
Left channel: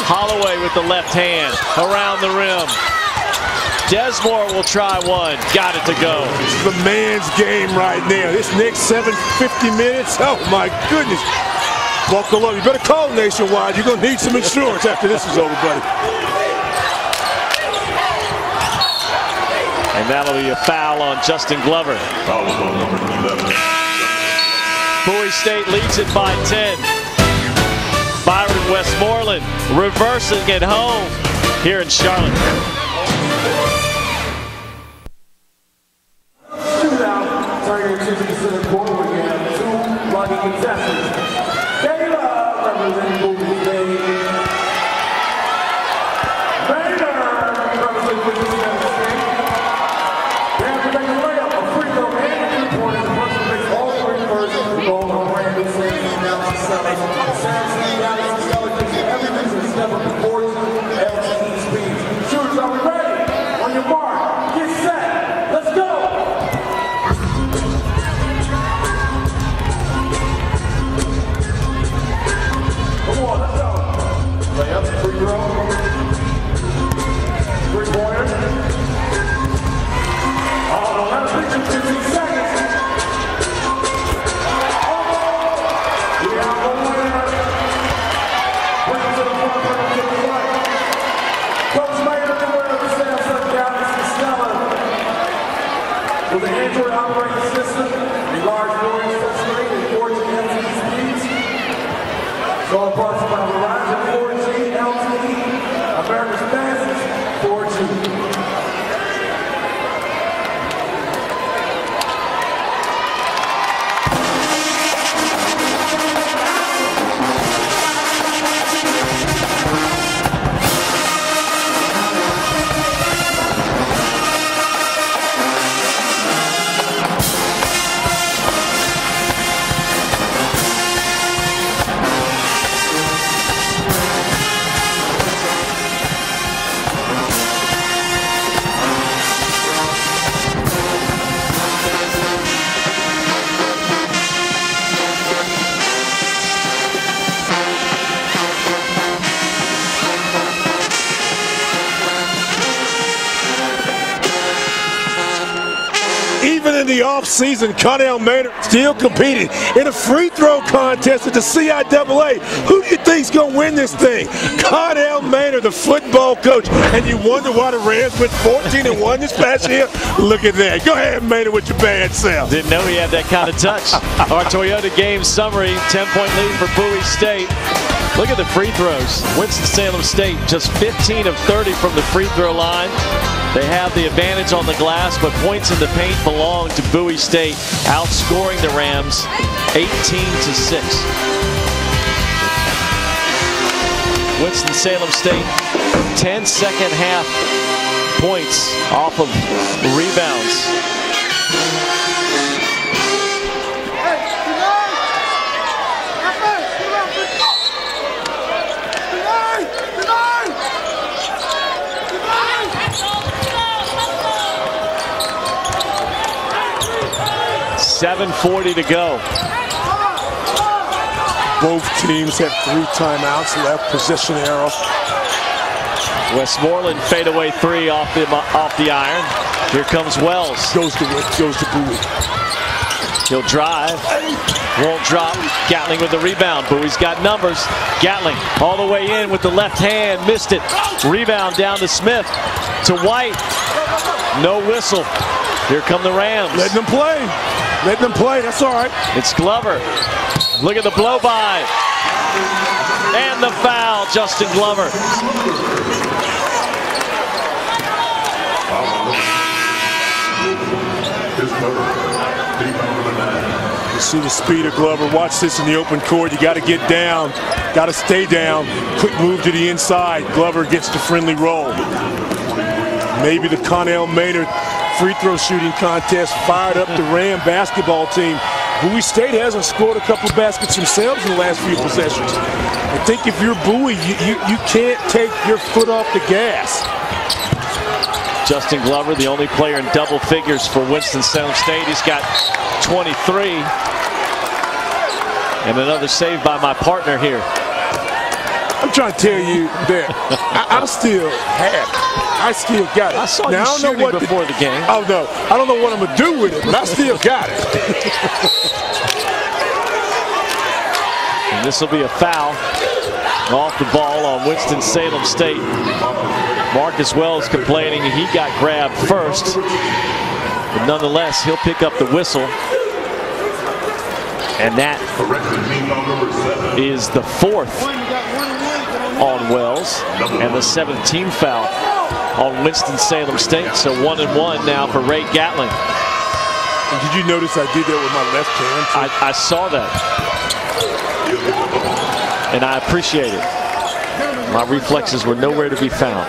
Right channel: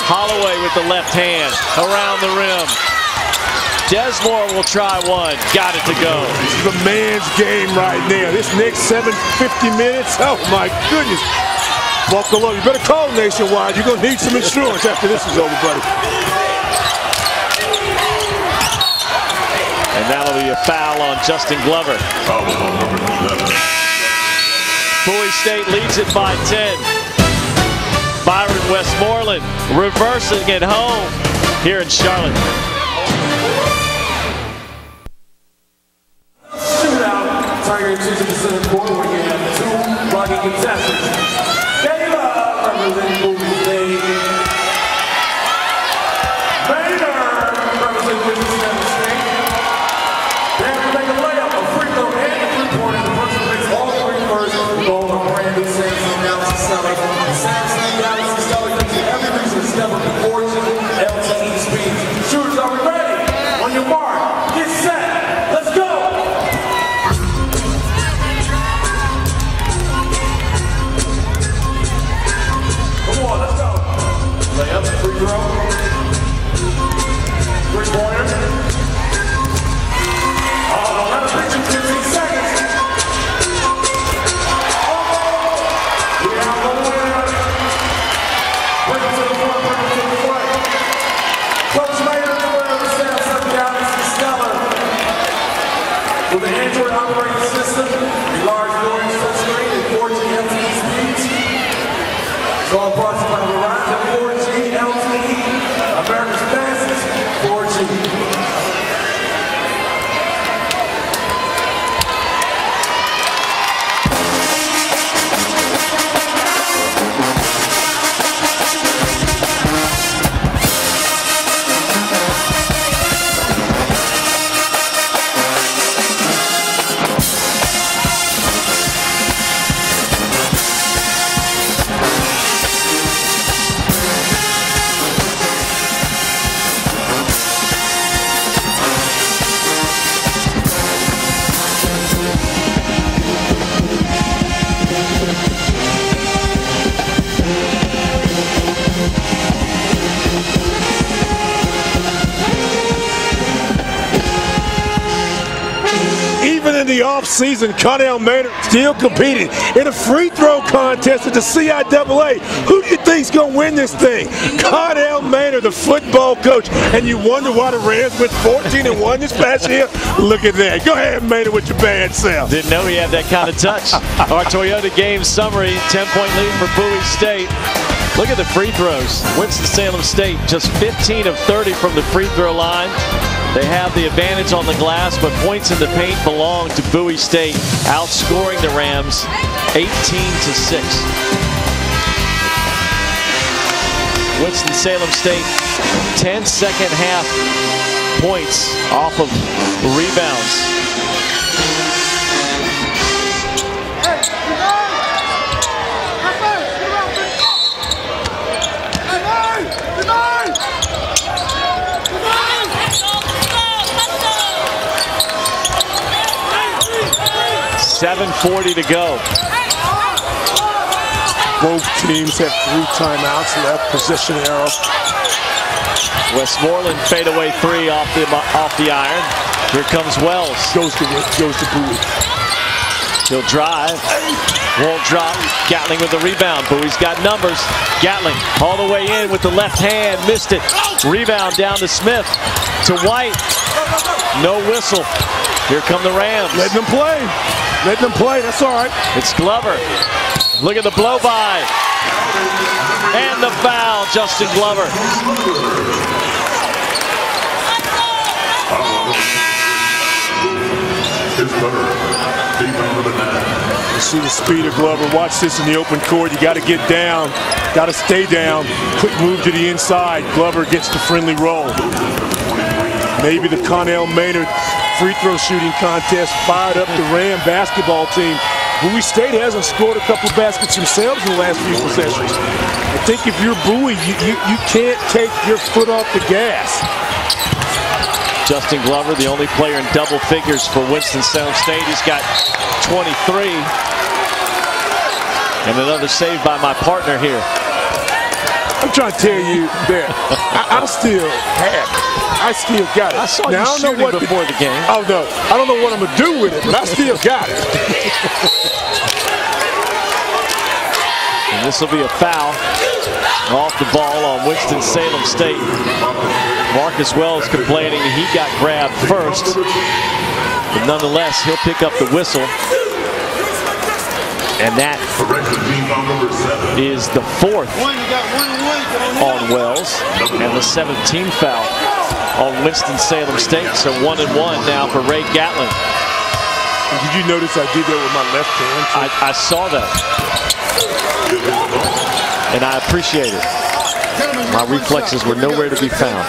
Holloway with the left hand around the rim. Desmore will try one. Got it to go. This is a man's game right now. This next 750 minutes, oh my goodness. Buckle up. You better call Nationwide. You're going to need some insurance after this is over, buddy. And that'll be a foul on Justin Glover. Bowie State leads it by 10. Byron Westmoreland reversing it home here in Charlotte. Even in the offseason, Connell Maynard still competing in a free throw contest at the CIAA. Who do you think's going to win this thing? Connell Maynard, the football coach. And you wonder why the Rams went 14-1 this past year? Look at that. Go ahead, Maynard, with your bad self. Didn't know he had that kind of touch. Our Toyota game summary, 10-point lead for Bowie State. Look at the free throws. Winston-Salem State just 15 of 30 from the free throw line. They have the advantage on the glass, but points in the paint belong to Bowie State, outscoring the Rams 18-6. Winston-Salem State, 10 second half points off of rebounds. .740 to go. Both teams have 3 timeouts left. Possession arrow. Westmoreland fadeaway 3 off the iron. Here comes Wells. Goes to Bowie. He'll drive. Won't drop. Gatling with the rebound. Bowie's got numbers. Gatling all the way in with the left hand. Missed it. Rebound down to Smith. To White. No whistle. Here come the Rams. Letting them play. Letting them play. That's all right. It's Glover. Look at the blow by. And the foul. Justin Glover. You see the speed of Glover. Watch this in the open court. You got to get down. Got to stay down. Quick move to the inside. Glover gets the friendly roll. Maybe the Connell Maynard free throw shooting contest fired up the Ram basketball team. Bowie State hasn't scored a couple of baskets themselves in the last few possessions. I think if you're Bowie, you can't take your foot off the gas. Justin Glover, the only player in double figures for Winston-Salem State. He's got 23. And another save by my partner here. I'm trying to tell you that I'm still happy. I still got it. I saw you shooting before the game. Oh, no. I don't know what I'm going to do with it, but I still got it. And this will be a foul off the ball on Winston-Salem State. Marcus Wells complaining he got grabbed first. But nonetheless, he'll pick up the whistle. And that is the 4th on Wells and the 7th team foul on Winston-Salem State. So 1-1 now for Ray Gatling. And did you notice I did that with my left hand? I saw that. And I appreciate it. My reflexes were nowhere to be found.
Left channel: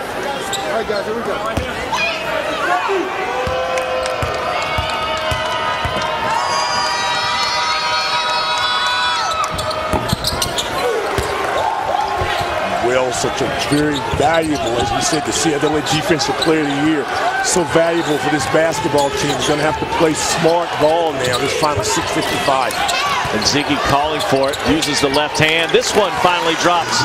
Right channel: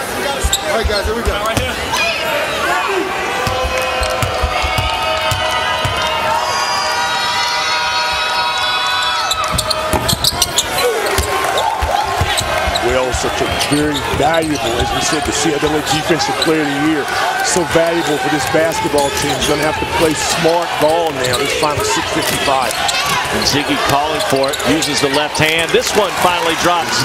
Wells, such a very valuable, as we said, the CIAA Defensive Player of the Year. So valuable for this basketball team. He's going to have to play smart ball now, this final 6:55. And Ziggy calling for it, uses the left hand. This one finally drops.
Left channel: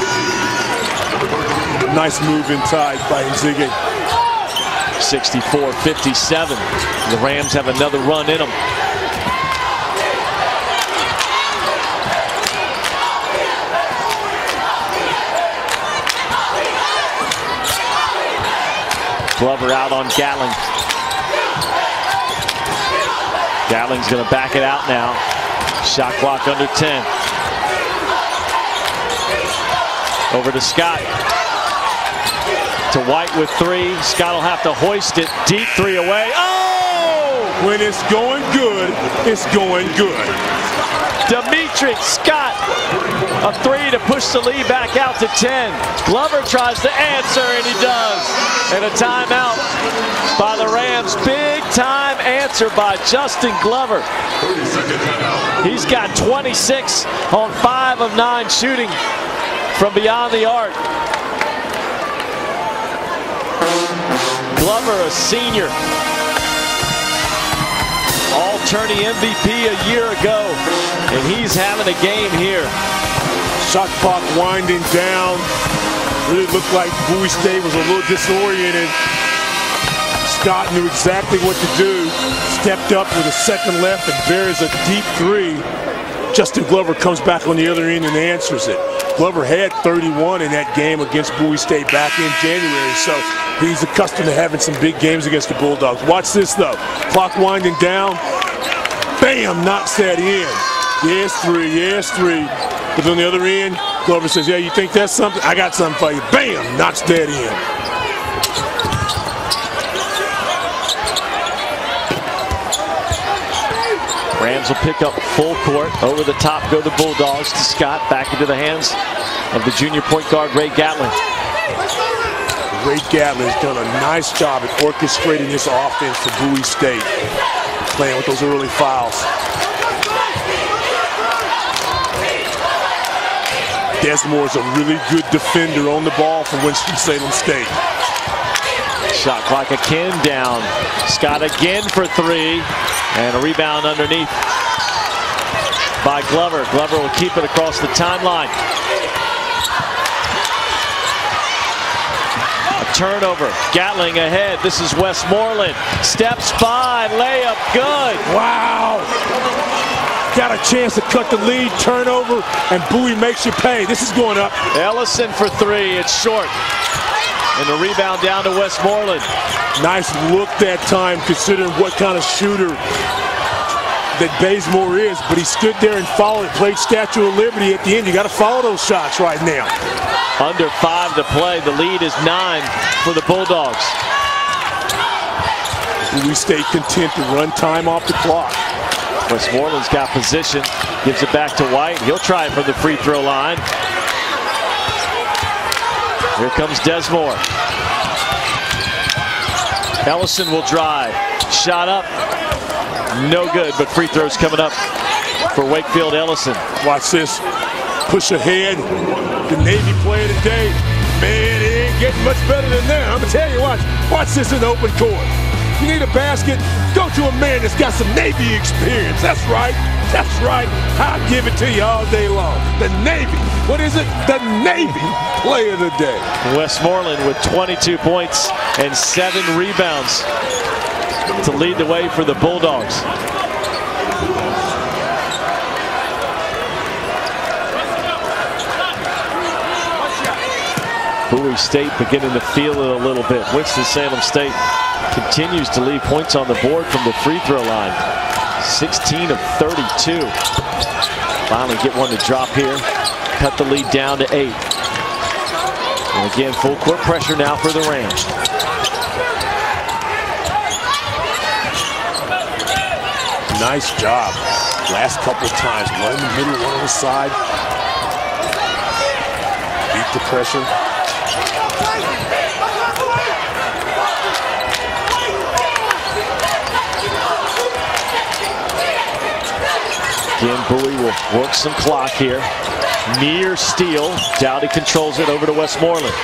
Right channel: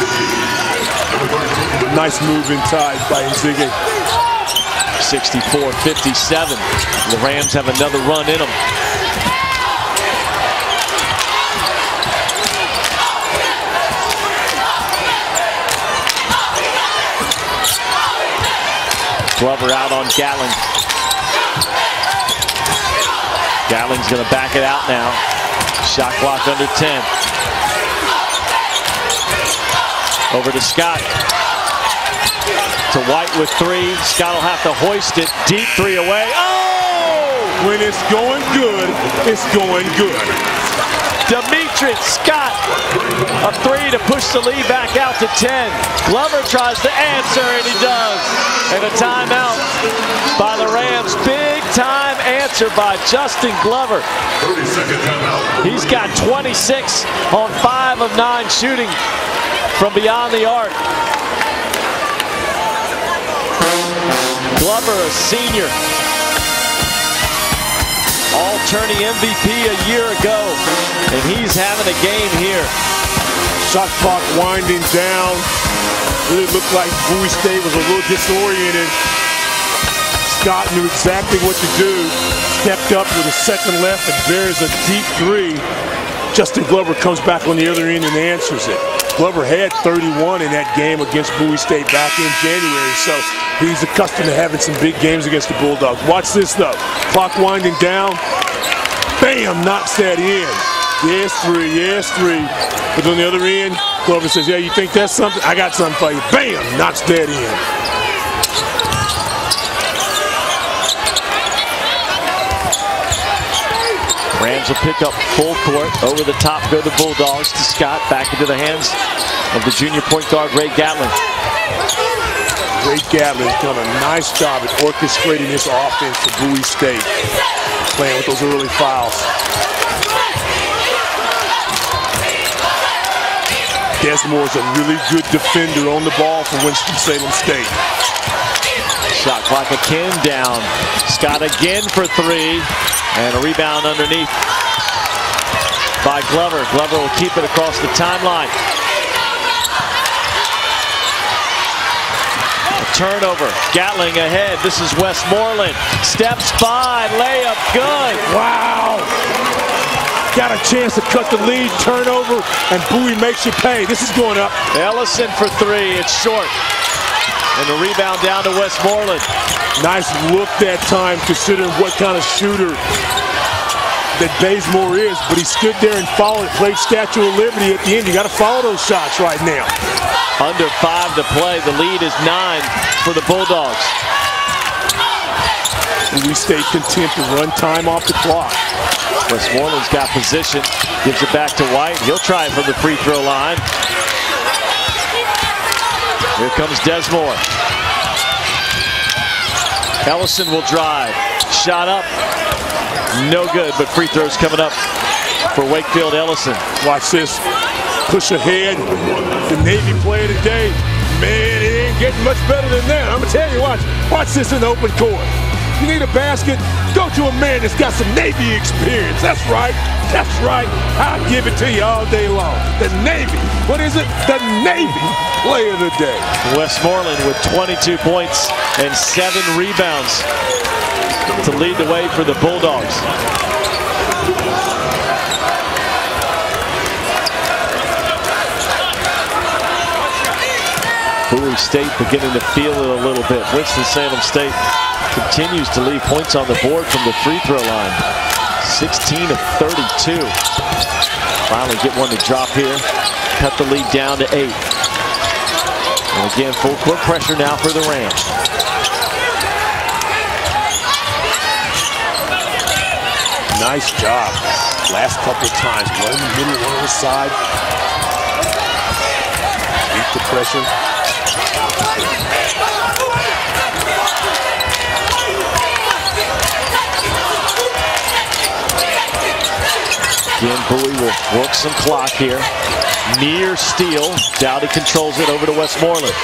Nice move inside by Nzige. 64-57. The Rams have another run in them. Glover out on Gatling. Gatling's going to back it out now. Shot clock under 10. Over to Scott. To White with 3. Scott will have to hoist it. Deep 3 away. Oh! When it's going good, it's going good. Dameatric Scott. A 3 to push the lead back out to 10. Glover tries to answer, and he does. And a timeout by the Rams. Big time answer by Justin Glover. He's got 26 on 5 of 9 shooting from beyond the arc. Glover, a senior. All-tourney MVP a year ago. And he's having a game here. Shot clock winding down. Really looked like Bowie State was a little disoriented. Scott knew exactly what to do. stepped up with a second left and buries a deep three. Justin Glover comes back on the other end and answers it. Glover had 31 in that game against Bowie State back in January, so he's accustomed to having some big games against the Bulldogs. Watch this, though. Clock winding down. Bam! Knocks that in. Yes, three. Yes, three. But on the other end, Glover says, yeah, you think that's something? I got something for you. Bam! Knocks that in. Rams will pick up full court. Over the top go the Bulldogs to Scott. Back into the hands of the junior point guard, Ray Gatlin. Ray Gatlin's done a nice job at orchestrating this offense for Bowie State, playing with those early fouls. Desmore is a really good defender on the ball for Winston-Salem State. Shot clock again down. Scott again for three. And a rebound underneath by Glover. Glover will keep it across the timeline. A turnover. Gatling ahead. This is Westmoreland. Steps by. Layup good. Wow. Got a chance to cut the lead. Turnover. And Bowie makes you pay. This is going up. Ellison for three. It's short. And the rebound down to Westmoreland. Nice look that time, considering what kind of shooter that Bazemore is, but he stood there and followed it, played Statue of Liberty at the end. You got to follow those shots right now. Under 5 to play. The lead is 9 for the Bulldogs. Bowie State content to run time off the clock. Westmoreland's got position, gives it back to White. He'll try it from the free throw line. Here comes Desmore. Ellison will drive. Shot up. No good, but free throws coming up for Wakefield Ellison. Watch this. Push ahead. The Navy player today. Man, it ain't getting much better than that. I'm going to tell you, watch this in the open court. You need a basket? Go to a man that's got some Navy experience. That's right. That's right. I'll give it to you all day long. The Navy. What is it? The Navy player of the day. Westmoreland with 22 points and 7 rebounds to lead the way for the Bulldogs. Bowie State beginning to feel it a little bit. Winston-Salem State continues to leave points on the board from the free throw line. 16 of 32. Finally get one to drop here. Cut the lead down to 8. And again, full court pressure now for the Rams. Nice job. Last couple of times. One in the middle, one on the side. Beat the pressure. Again, Bowie will work some clock here. Near steal. Dowdy controls it over to Westmoreland.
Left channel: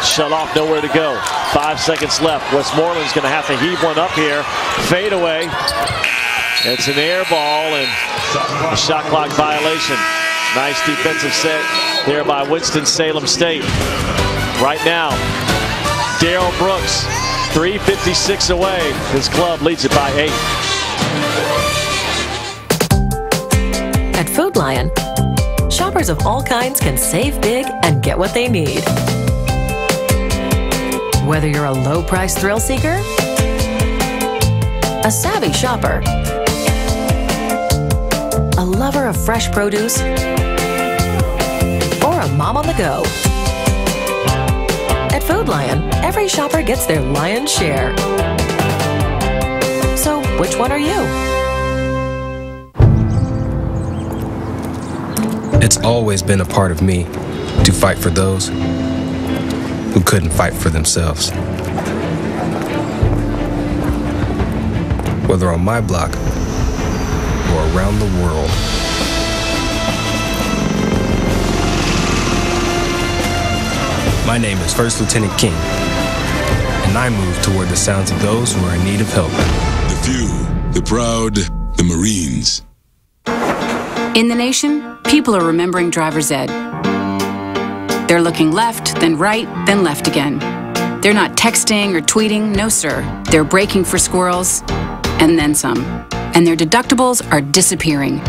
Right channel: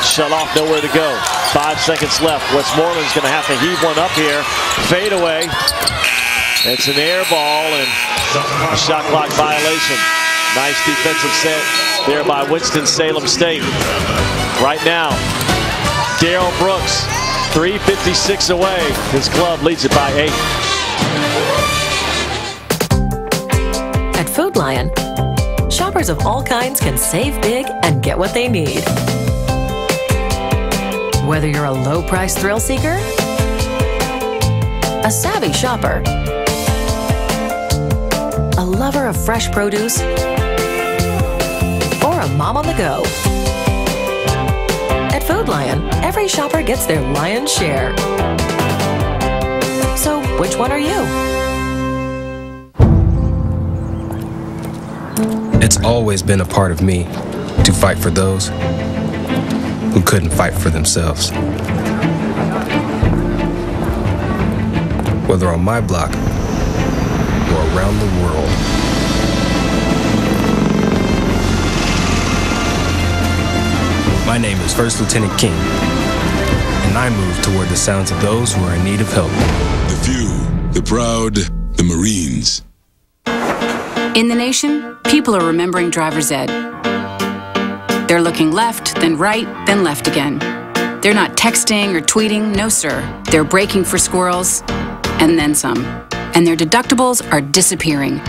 Shut off, nowhere to go. 5 seconds left. Westmoreland's going to have to heave one up here. Fade away. It's an air ball and a shot clock violation. Nice defensive set there by Winston-Salem State. Right now, Darryl Brooks, 3:56 away. His club leads it by 8. At Food Lion, shoppers of all kinds can save big and get what they need. Whether you're a low-price thrill seeker, a savvy shopper, a lover of fresh produce, or a mom on the go. At Food Lion, every shopper gets their lion's share. So, which one are you? It's always been a part of me to fight for those who couldn't fight for themselves. Whether on my block or around the world. My name is First Lieutenant King, and I move toward the sounds of those who are in need of help. The few, the proud, the Marines. In the nation, people are remembering driver's ed. They're looking left, then right, then left again. They're not texting or tweeting, no sir. They're breaking for squirrels, and then some. And their deductibles are disappearing.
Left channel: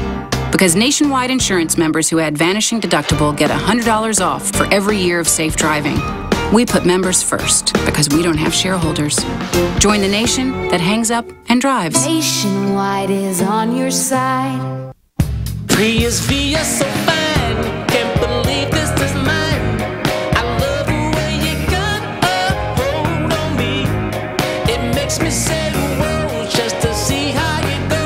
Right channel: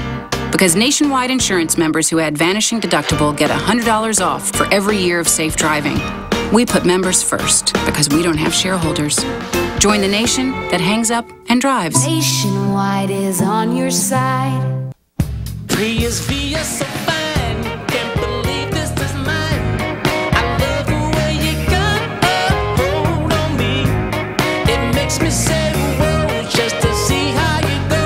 Because nationwide insurance members who add Vanishing Deductible get $100 off for every year of safe driving. We put members first because we don't have shareholders. Join the nation that hangs up and drives. Nationwide is on your side. PSV, you're so fine. Can't believe this is mine. I love the way you got a hold on me. It makes me say whoa just to see how you go.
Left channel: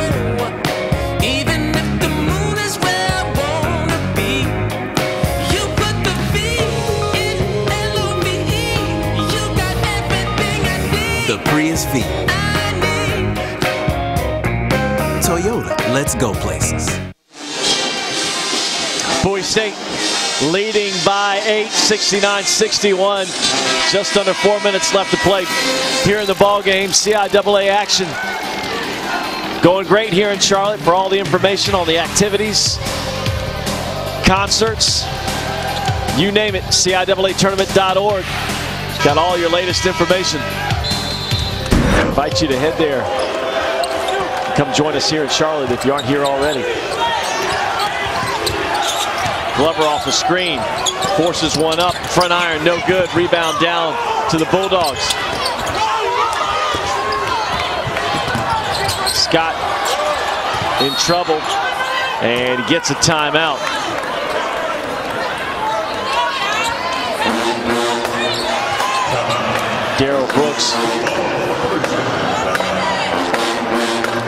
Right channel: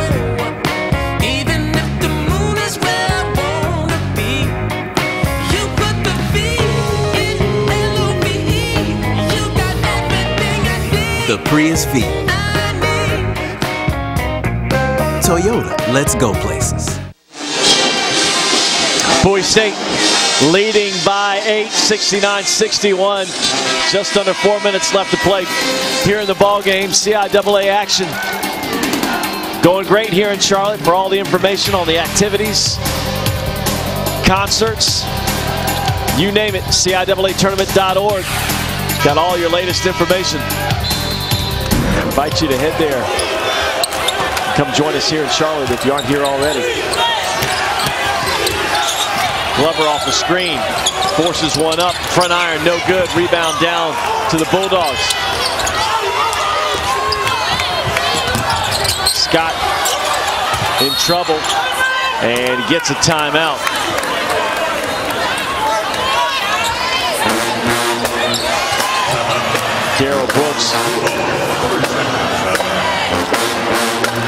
Even if the moon is where I wanna be. You put the V in L-O-V-E. You got everything I need. The Prius V. Toyota, let's go places. Bowie State leading by 8, 69-61. Just under 4 minutes left to play here in the ball game. CIAA action going great here in Charlotte. For all the information on the activities, concerts, you name it, CIAAtournament.org. Got all your latest information. Invite you to head there and come join us here in Charlotte if you aren't here already. Glover off the screen, forces one up, front iron, no good. Rebound down to the Bulldogs. Scott in trouble, and he gets a timeout. Darrell Brooks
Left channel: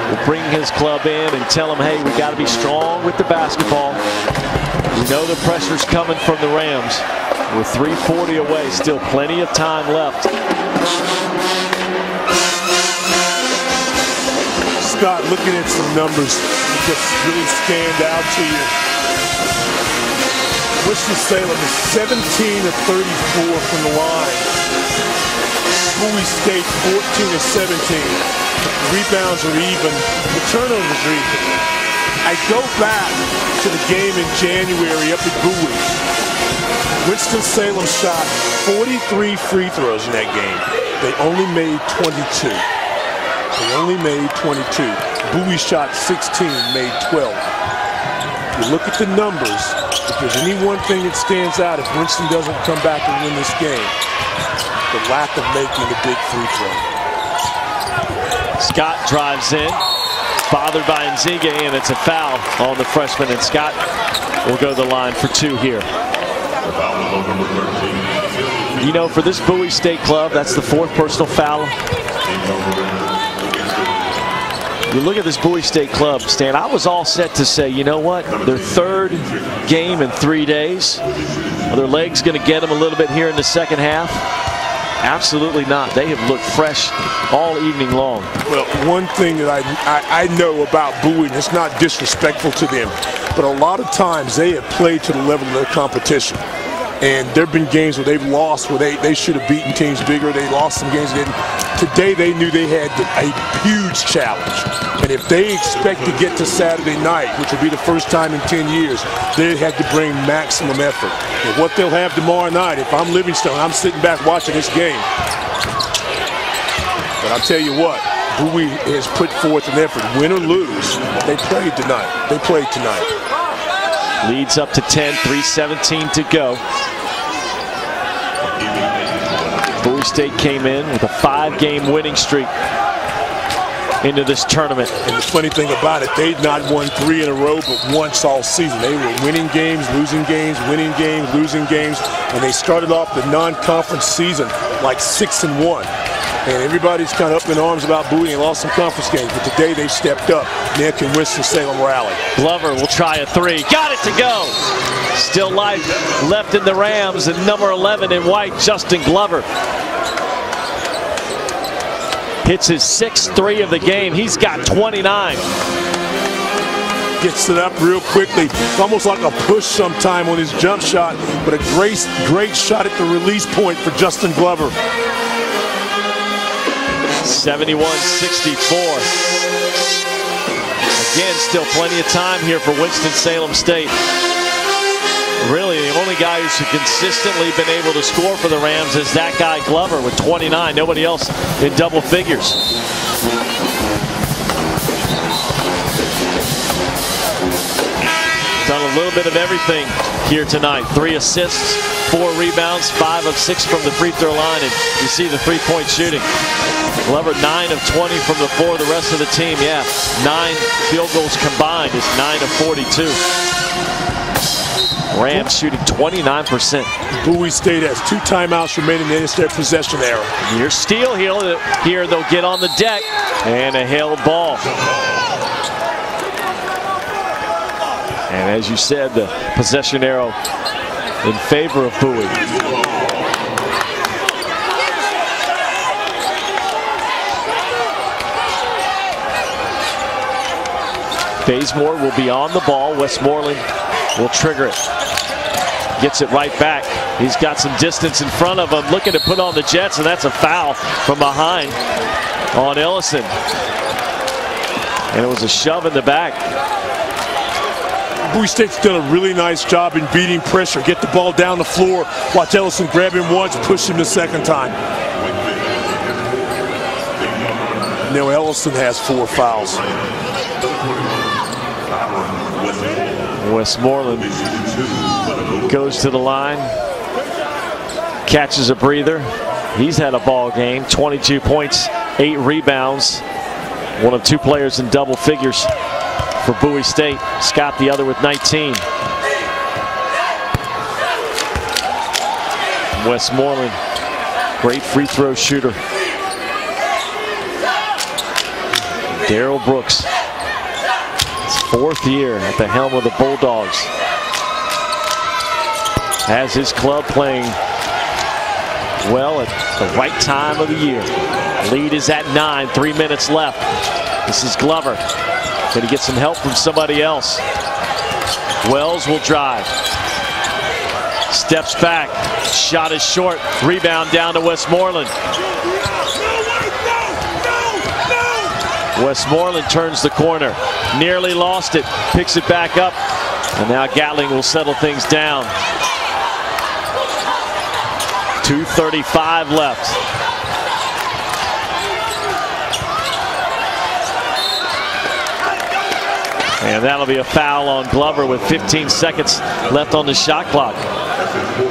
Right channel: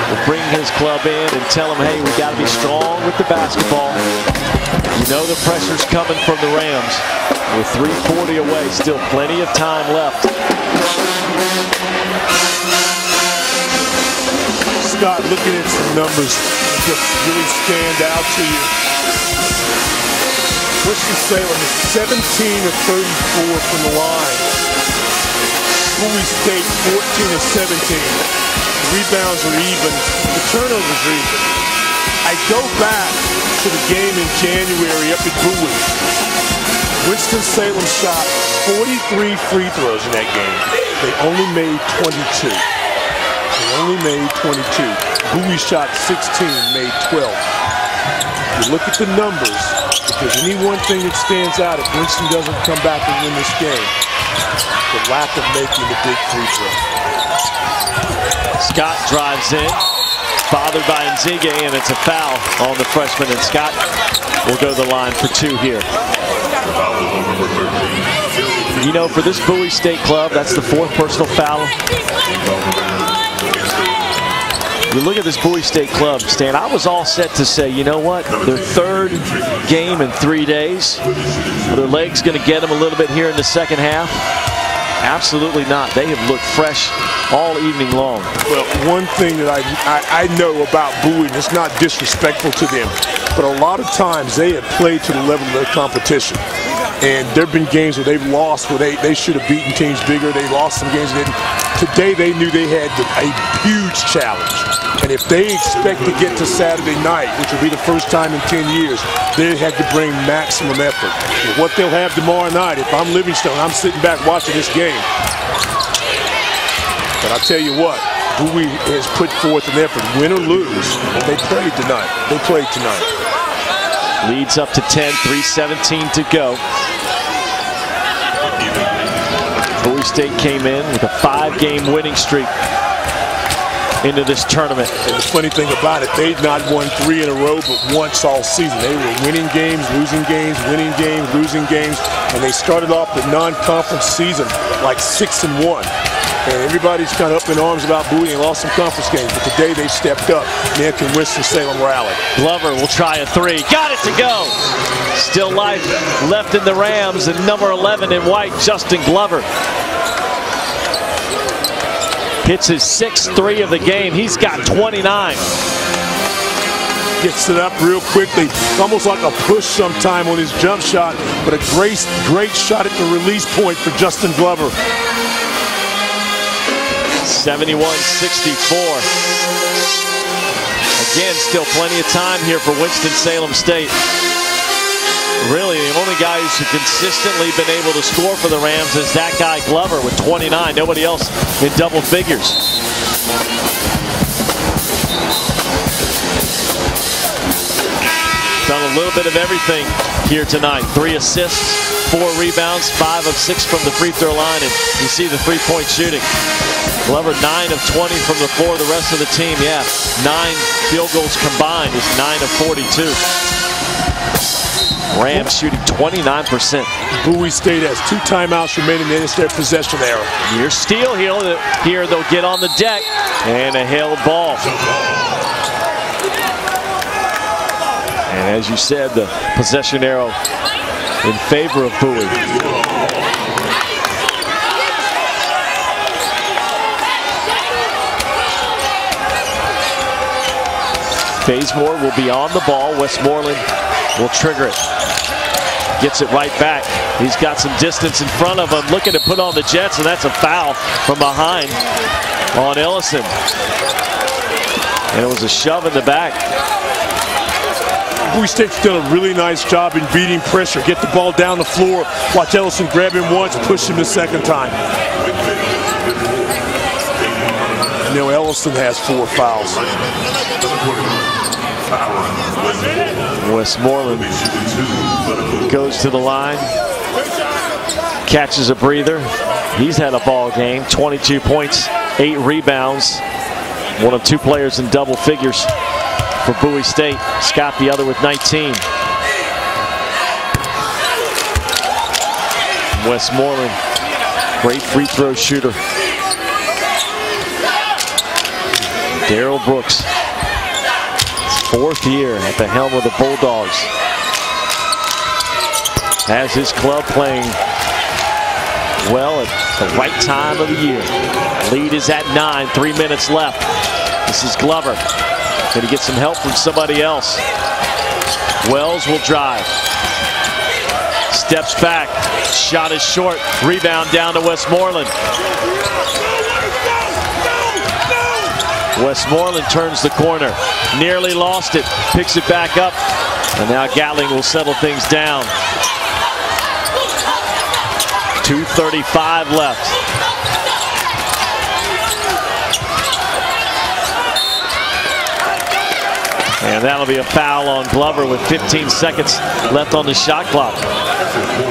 will bring his club in and tell him, hey, we got to be strong with the basketball. You know the pressure's coming from the Rams. We're 3:40 away, still plenty of time left. Scott, looking at some numbers that just really stand out to you. Winston-Salem is 17 of 34 from the line. Bowie State 14 of 17. The rebounds are even. The turnovers are even. I go back to the game in January up at Bowie. Winston-Salem shot 43 free throws in that game. They only made 22. They only made 22. Bowie shot 16, made 12. You look at the numbers, if there's any one thing that stands out, if Winston doesn't come back and win this game, the lack of making the big free throw. Scott drives in, bothered by Nzige, and it's a foul on the freshman, and Scott will go to the line for two here. You know, for this Bowie State club, that's the fourth personal foul. You look at this Bowie State club, Stan, I was all set to say, you know what, their third game in 3 days. Are their legs going to get them a little bit here in the second half? Absolutely not. They have looked fresh all evening long. Well, one thing that I know about Bowie, and it's not disrespectful to them, but a lot of times they have played to the level of their competition. And there have been games where they've lost, where they should have beaten teams bigger. They lost some games they didn't. Today they knew they had a huge challenge. And if they expect to get to Saturday night, which will be the first time in 10 years, they have to bring maximum effort. And what they'll have tomorrow night, if I'm Livingstone, I'm sitting back watching this game. But I'll tell you what, Bowie has put forth an effort. Win or lose, they played tonight. They played tonight. Leads up to 10, 3:17 to go. Bowie State came in with a 5-game winning streak into this tournament. And the funny thing about it, they'd not won 3 in a row but once all season. They were winning games, losing games, winning games, losing games, and they started off the non-conference season like 6-1. And everybody's kind of up in arms about Bowie. They lost some conference games, but today they've stepped up. Now can Winston-Salem rally? Glover will try a three. Got it to go. Still life left in the Rams, and number 11 in white, Justin Glover. Hits his 6th three of the game. He's got 29. Gets it up real quickly. It's almost like a push sometime on his jump shot, but a great shot at the release point for Justin Glover. 71-64. Again, still plenty of time here for Winston-Salem State. Really, the only guy who's consistently been able to score for the Rams is that guy Glover with 29. Nobody else in double figures. Done a little bit of everything here tonight. 3 assists, 4 rebounds, 5 of 6 from the free throw line, and you see the three-point shooting. Glover 9 of 20 from the floor. The rest of the team, 9 field goals combined is 9 of 42. Rams shooting 29%. Bowie State has 2 timeouts remaining in their possession era. Near steal here, they'll get on the deck, and a held ball. And as you said, the possession arrow in favor of Bowie. Bazemore will be on the ball. Westmoreland will trigger it. Gets it right back. He's got some distance in front of him, looking to put on the Jets, and that's a foul from behind on Ellison. And it was a shove in the back. Bowie State's done a really nice job in beating pressure. Get the ball down the floor. Watch Ellison grab him once, push him the second time. Now Ellison has 4 fouls. Westmoreland goes to the line, catches a breather. He's had a ball game, 22 points, 8 rebounds. One of 2 players in double figures for Bowie State. Scott the other with 19. Westmoreland, great free throw shooter. Darrell Brooks, his 4th year at the helm of the Bulldogs. Has his club playing well at the right time of the year. Lead is at 9, 3 minutes left. This is Glover. Can he get some help from somebody else? Wells will drive. Steps back. Shot is short. Rebound down to Westmoreland. Westmoreland turns the corner. Nearly lost it. Picks it back up. And now Gatling will settle things down. 2:35 left. And that'll be a foul on Glover with 15 seconds left on the shot clock.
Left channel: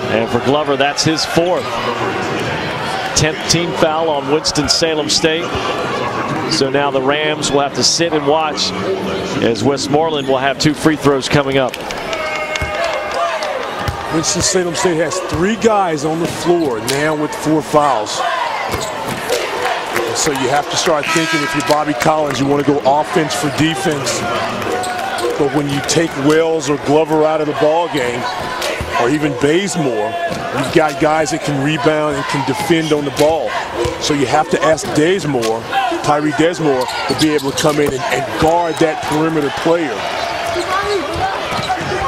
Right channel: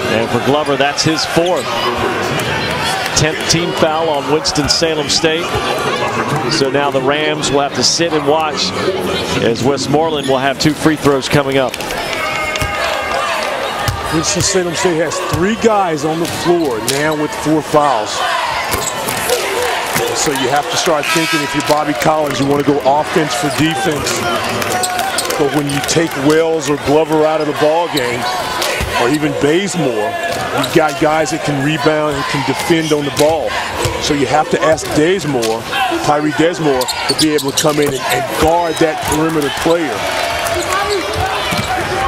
And for Glover, that's his 4th. 10th team foul on Winston-Salem State. So now the Rams will have to sit and watch as Westmoreland will have 2 free throws coming up. Winston-Salem State has 3 guys on the floor now with 4 fouls. And so you have to start thinking, if you're Bobby Collins, you want to go offense for defense. But when you take Wells or Glover out of the ball game, or even Bazemore, you've got guys that can rebound and can defend on the ball. So you have to ask Tyree Desmore, to be able to come in and guard that perimeter player.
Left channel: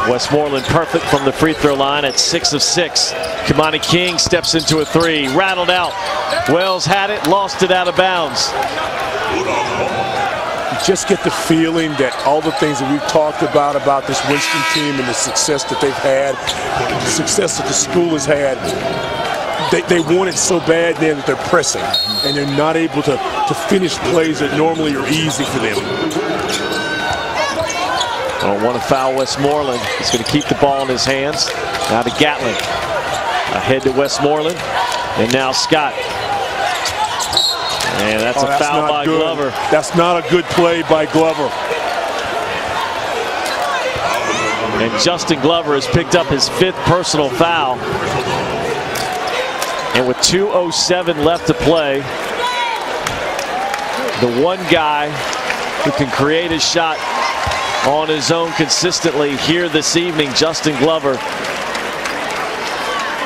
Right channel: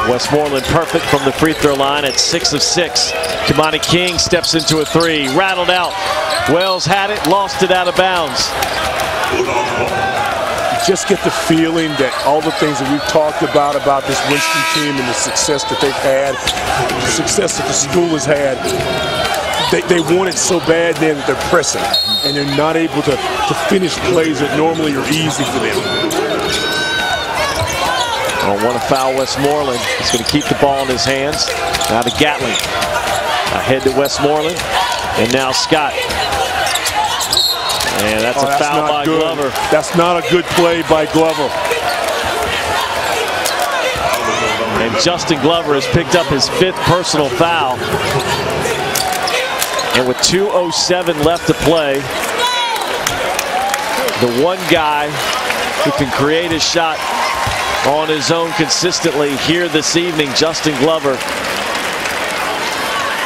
Westmoreland perfect from the free throw line at 6 of 6. Kimani King steps into a 3, rattled out. Wells had it, lost it out of bounds. You just get the feeling that all the things that we've talked about this Winston team and the success that they've had, the success that the school has had, they want it so bad then that they're pressing, and they're not able to finish plays that normally are easy for them. I don't want to foul Westmoreland. He's going to keep the ball in his hands. Now to Gatling. Ahead to Westmoreland. And now Scott. And that's a foul by Glover. That's not a good play by Glover. And Justin Glover has picked up his 5th personal foul. And with 2:07 left to play, the one guy who can create a shot on his own consistently here this evening, Justin Glover,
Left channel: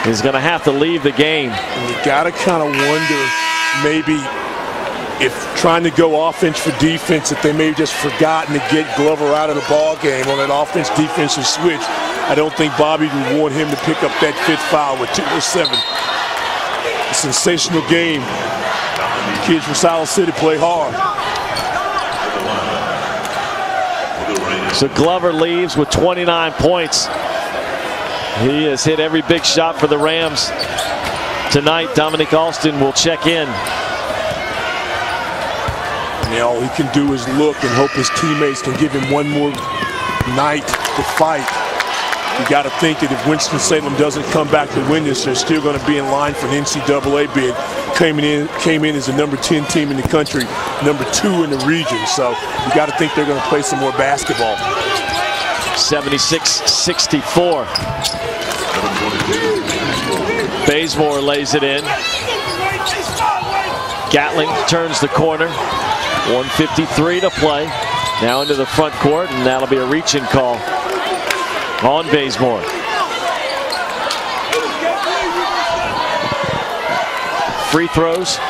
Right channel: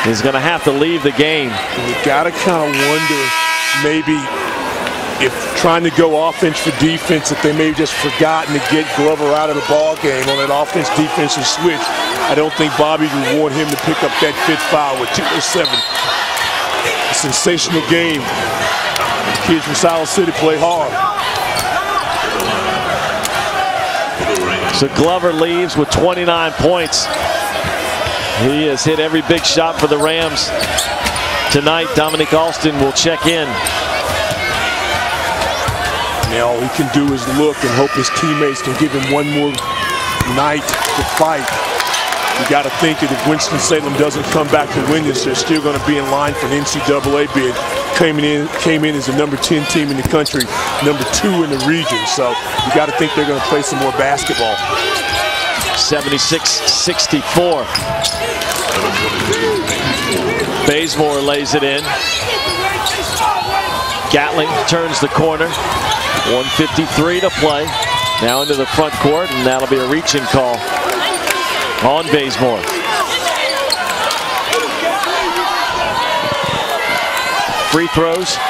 is going to have to leave the game. And you got to kind of wonder, maybe if trying to go offense for defense, if they may have just forgotten to get Glover out of the ball game on that offense-defensive switch. I don't think Bobby would want him to pick up that 5th foul with 2:07. A sensational game. The kids from Siler City play hard. So Glover leaves with 29 points. He has hit every big shot for the Rams tonight. Dominic Alston will check in. Now all he can do is look and hope his teammates can give him one more night to fight. You got to think that if Winston-Salem doesn't come back to win this, they're still going to be in line for an NCAA bid. Came in as the number 10 team in the country, number 2 in the region. So you got to think they're going to play some more basketball. 76-64. Bazemore lays it in. Gatling turns the corner. 1:53 to play. Now into the front court, and that'll be a reach-in call on Bazemore. Free throws,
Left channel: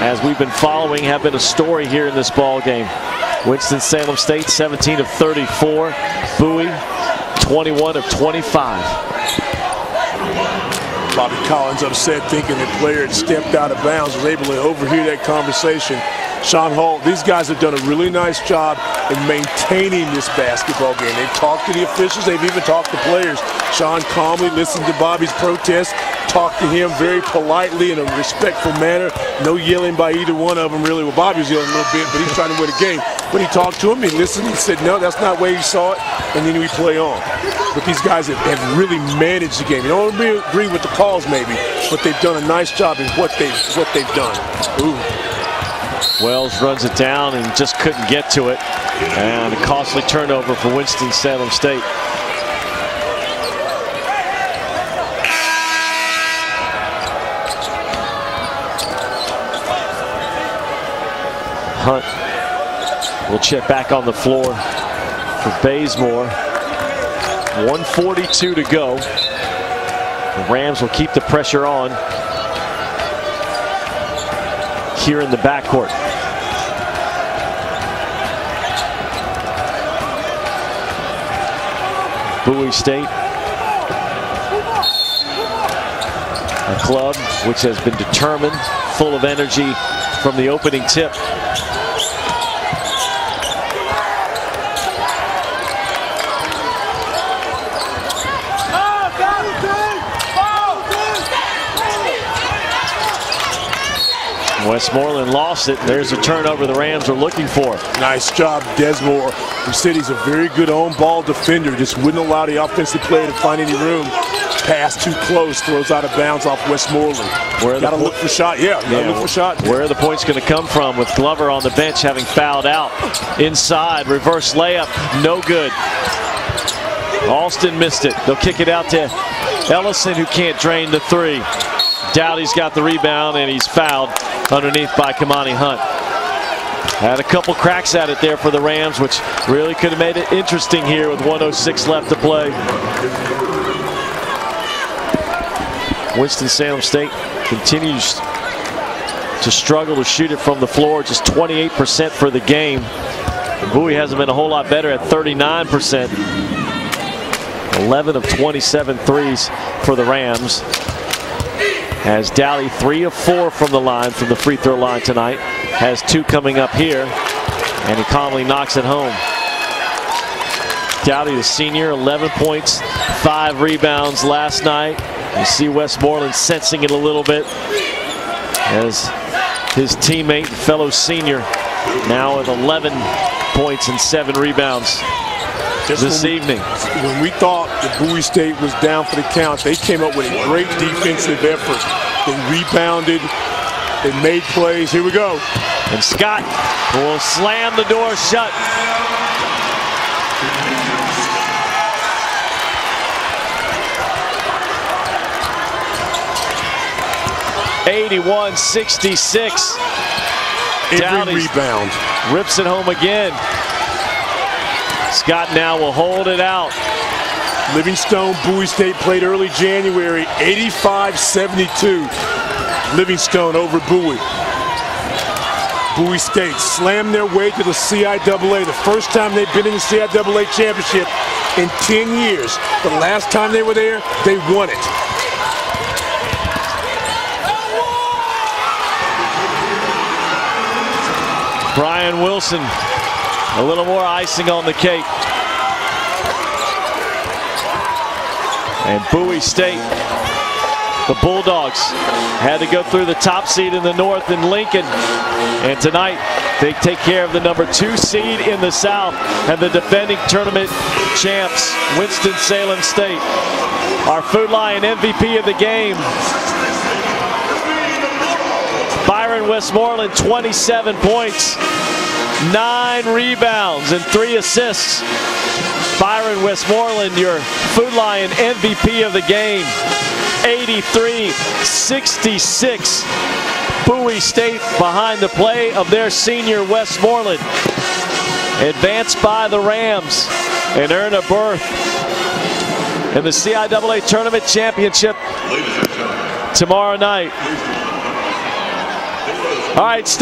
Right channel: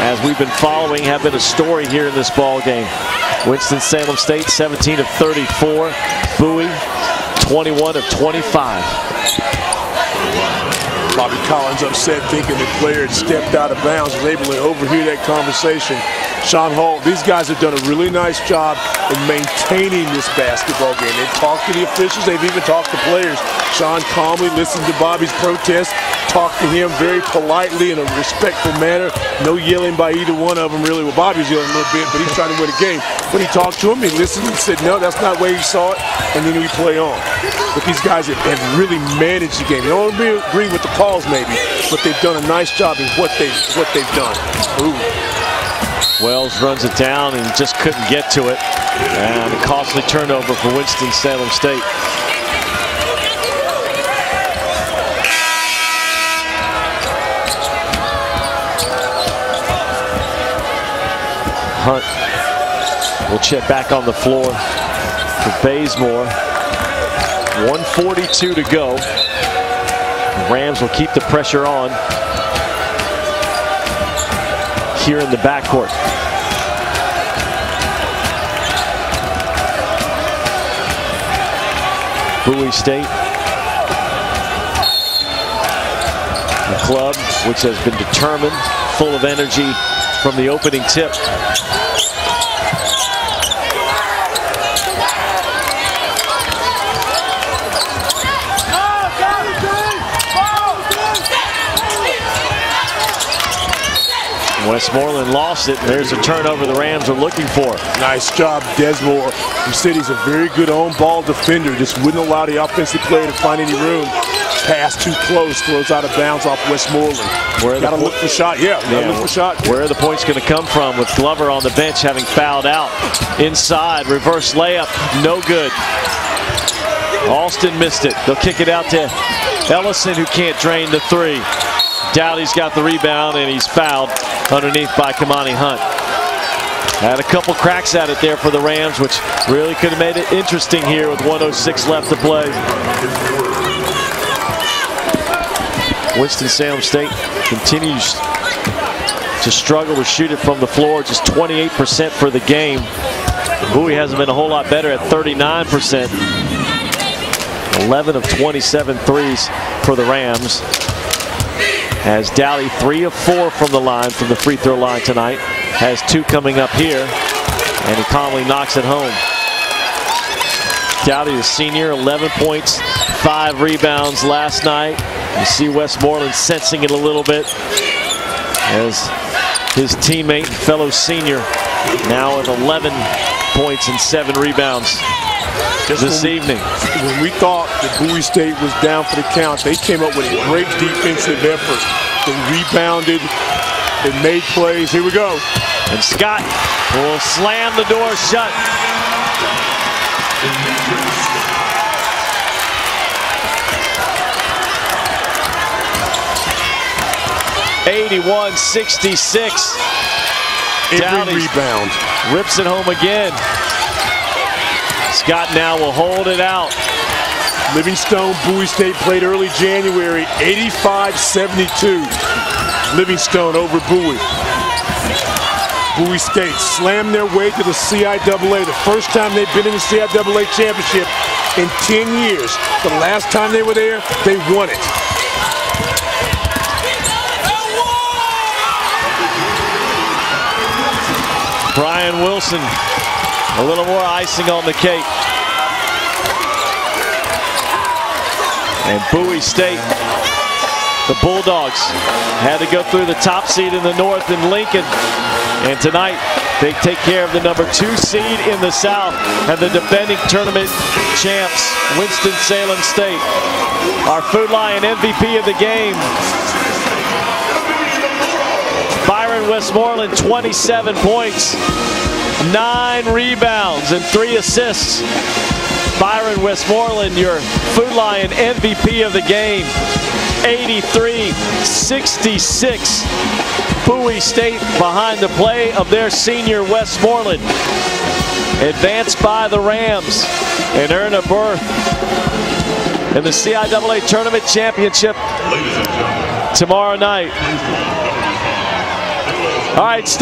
as we've been following, have been a story here in this ball game. Winston-Salem State 17 of 34. Bowie 21 of 25. Bobby Collins upset, thinking the player had stepped out of bounds, was able to overhear that conversation. Sean Hall, these guys have done a really nice job in maintaining this basketball game. They've talked to the officials, they've even talked to players. Sean calmly listened to Bobby's protest, talked to him very politely in a respectful manner. No yelling by either one of them, really. Well, Bobby was yelling a little bit, but he's trying to win a game. But he talked to him, he listened, he said, no, that's not the way he saw it, and then we play on. But these guys have really managed the game. You don't agree with the calls maybe, but they've done a nice job in what they've done. Ooh. Wells runs it down and just couldn't get to it. And a costly turnover for Winston-Salem State. Hunt will check back on the floor for Bazemore. 1:42 to go. The Rams will keep the pressure on here in the backcourt. Bowie State, a club which has been determined, full of energy from the opening tip. Westmoreland lost it, and there's a turnover the Rams are looking for. Nice job, Desmore. We said he's a very good on-ball defender, just wouldn't allow the offensive player to find any room. Pass too close, throws out of bounds off Westmoreland. Got to look for shot. Look for shot. Where are the points going to come from with Glover on the bench having fouled out? Inside, reverse layup, no good. Alston missed it. They'll kick it out to Ellison, who can't drain the three. Dowdy's got the rebound, and he's fouled underneath by Kamani Hunt. Had a couple cracks at it there for the Rams, which really could have made it interesting here with 1:06 left to play. Winston-Salem State continues to struggle to shoot it from the floor, just 28% for the game. Bowie hasn't been a whole lot better at 39%. 11 of 27 threes for the Rams. Has Dowdy 3 of 4 from the line, from the free throw line tonight. Has 2 coming up here, and he calmly knocks it home. Dowdy, the senior, 11 points, 5 rebounds last night. You see Westmoreland sensing it a little bit as his teammate and fellow senior now with 11 points and 7 rebounds this evening. When we thought that Bowie State was down for the count, they came up with a great defensive effort. They rebounded, they made plays. Here we go. And Scott will slam the door shut. (81-66). Every rebound. Rips it home again. Scott now will hold it out. Livingstone, Bowie State played early January, 85-72. Livingstone over Bowie. Bowie State slammed their way to the CIAA, the first time they've been in the CIAA championship in 10 years. The last time they were there, they won it. Brian Wilson, a little more icing on the cake. And Bowie State, the Bulldogs, had to go through the top seed in the North in Lincoln. And tonight, they take care of the number 2 seed in the South and the defending tournament champs, Winston-Salem State. Our Food Lion MVP of the game, Byron Westmoreland, 27 points, 9 rebounds, and 3 assists. Byron Westmoreland, your Food Lion MVP of the game. 83-66. Bowie State behind the play of their senior Westmoreland. Advanced by the Rams and earn a berth in the CIAA Tournament Championship tomorrow night. All right, stay